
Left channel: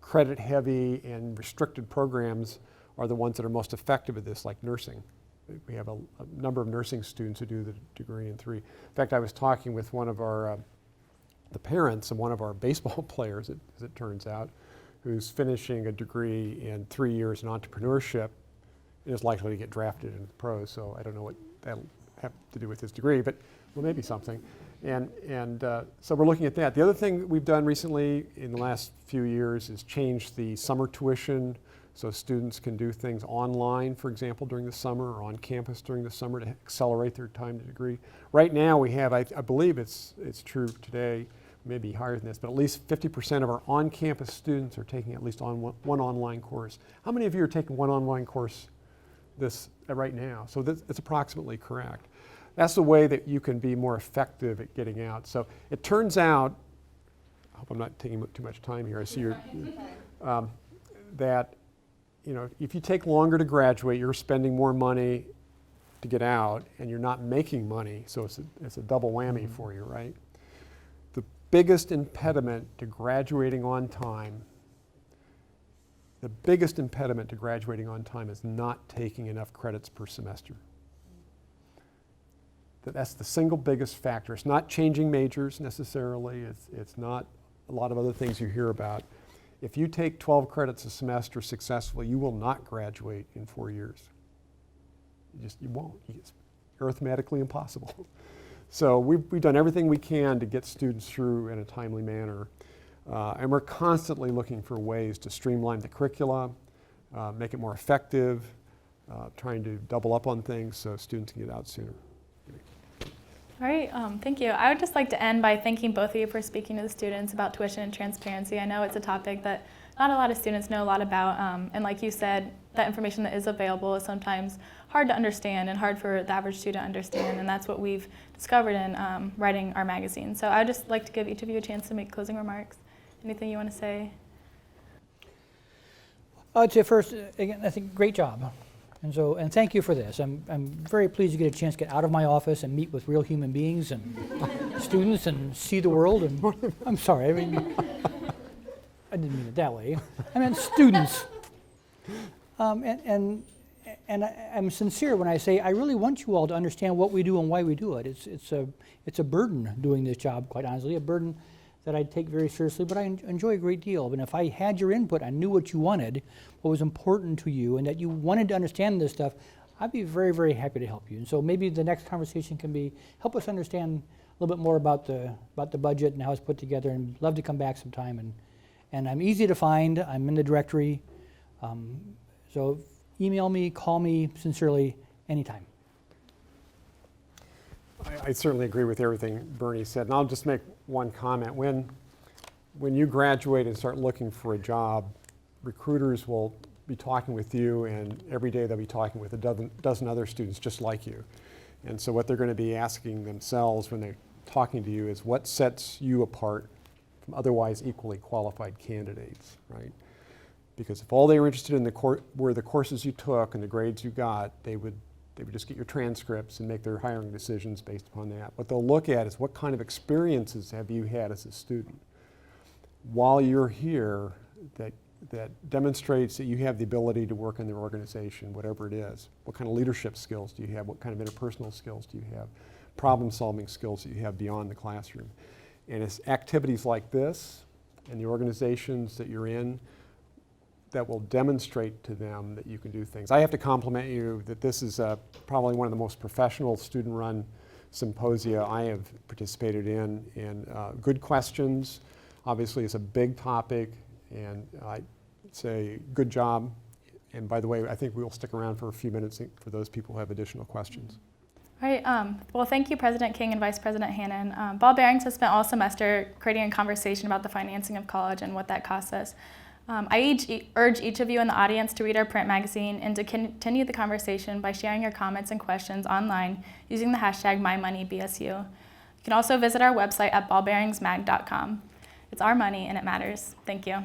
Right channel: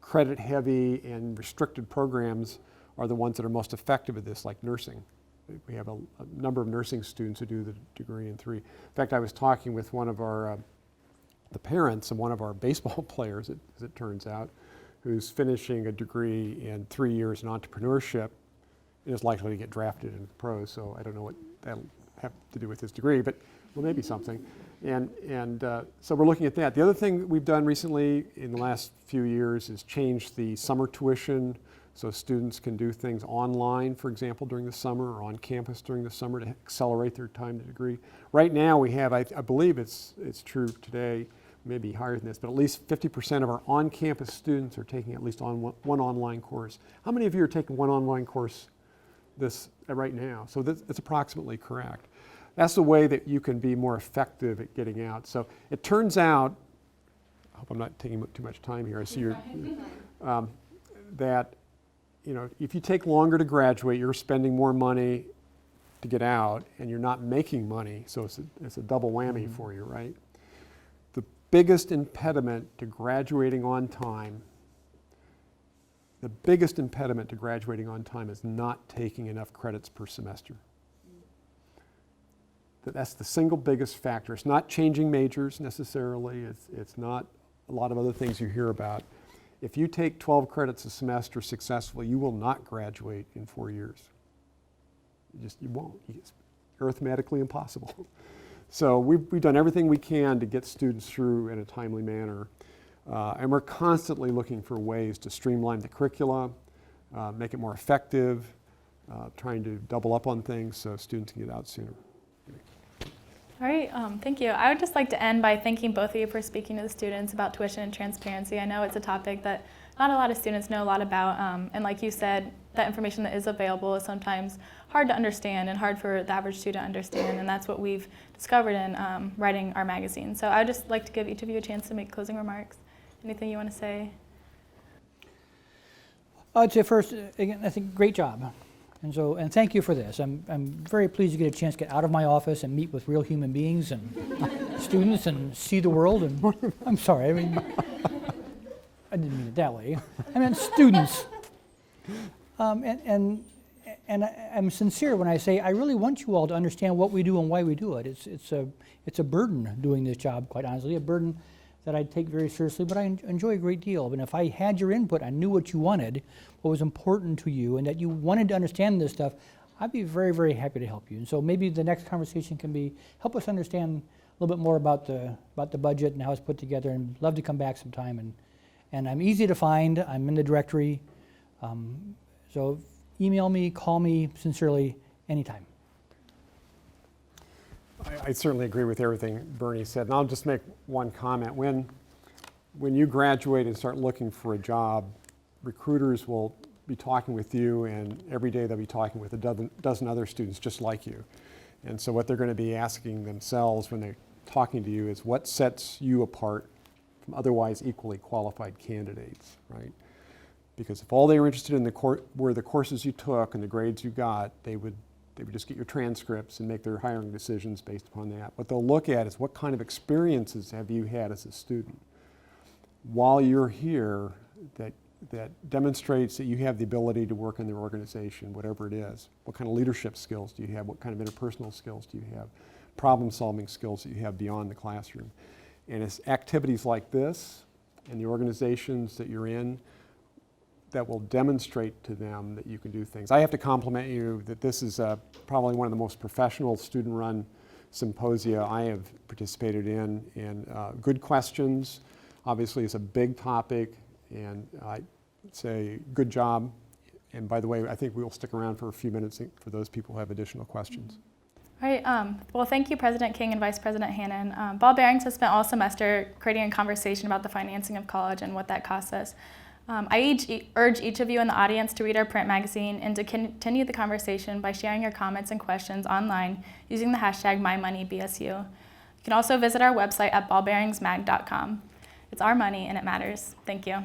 credit heavy and restricted programs are the ones that are most effective at this, like nursing. We have a number of nursing students who do the degree in 3. In fact, I was talking with one of our, the parents of one of our baseball players, as it turns out, who's finishing a degree in 3 years in entrepreneurship and is likely to get drafted into the pros. So I don't know what that'll have to do with his degree, but well, maybe something. And so we're looking at that. The other thing that we've done recently in the last few years is change the summer tuition so students can do things online, for example, during the summer, or on campus during the summer to accelerate their time to degree. Right now we have, I believe it's true today, maybe higher than this, but at least 50% of our on-campus students are taking at least one online course. How many of you are taking one online course right now? So that's approximately correct. That's the way that you can be more effective at getting out. So it turns out, I hope I'm not taking too much time here, I see you're, that you know, if you take longer to graduate, you're spending more money to get out, and you're not making money, so it's a double whammy for you, right? The biggest impediment to graduating on time, is not taking enough credits per semester. That's the single biggest factor. It's not changing majors necessarily. It's not a lot of other things you hear about. If you take 12 credits a semester successfully, you will not graduate in 4 years. You won't. It's arithmetically impossible. So we've done everything we can to get students through in a timely manner. And we're constantly looking for ways to streamline the curricula, make it more effective, trying to double up on things so students can get out sooner. All right, thank you. I would just like to end by thanking both of you for speaking to the students about tuition and transparency. I know it's a topic that not a lot of students know a lot about, and like you said, that information that is available is sometimes hard to understand and hard for the average student to understand, and that's what we've discovered in writing our magazine. So I would just like to give each of you a chance to make closing remarks. Anything you want to say? I'd say first, again, I think great job. And thank you for this. I'm very pleased to get a chance to get out of my office and meet with real human beings and students and see the world. And I'm sorry, I mean, I didn't mean it that way. I meant students. And I'm sincere when I say I really want you all to understand what we do and why we do it. It's a burden doing this job, quite honestly, a burden that I take very seriously, but I enjoy a great deal. And if I had your input, I knew what you wanted, what was important to you, and that you wanted to understand this stuff, I'd be very, very happy to help you. And so maybe the next conversation can be, help us understand a little bit more about the budget and how it's put together, and love to come back sometime. And I'm easy to find. I'm in the directory. So email me, call me, sincerely, anytime. I certainly agree with everything Bernie said, and I'll just make one comment. When you graduate and start looking for a job, recruiters will be talking with you, and every day they'll be talking with a dozen other students just like you. And so what they're going to be asking themselves when they're talking to you is what sets you apart from otherwise equally qualified candidates, right? Because if all they were interested in were the courses you took and the grades you got, they would just get your transcripts and make their hiring decisions based upon that. What they'll look at is what kind of experiences have you had as a student while you're here that demonstrates that you have the ability to work in their organization, whatever it is. What kind of leadership skills do you have? What kind of interpersonal skills do you have? Problem-solving skills that you have beyond the classroom. And it's activities like this and the organizations that you're in that will demonstrate to them that you can do things. I have to compliment you that this is probably one of the most professional student-run symposia I have participated in, and good questions. Obviously, it's a big topic, and I'd say good job. And by the way, I think we'll stick around for a few minutes for those people who have additional questions. All right. Well, thank you, President King and Vice President Hannon. Ball Bearings has spent all semester creating a conversation about the financing of college and what that costs us. I urge each of you in the audience to read our print magazine and to continue the conversation by sharing your comments and questions online using the hashtag MyMoneyBSU. You can also visit our website at ballbearingsmag.com. It's our money and it matters. Thank you.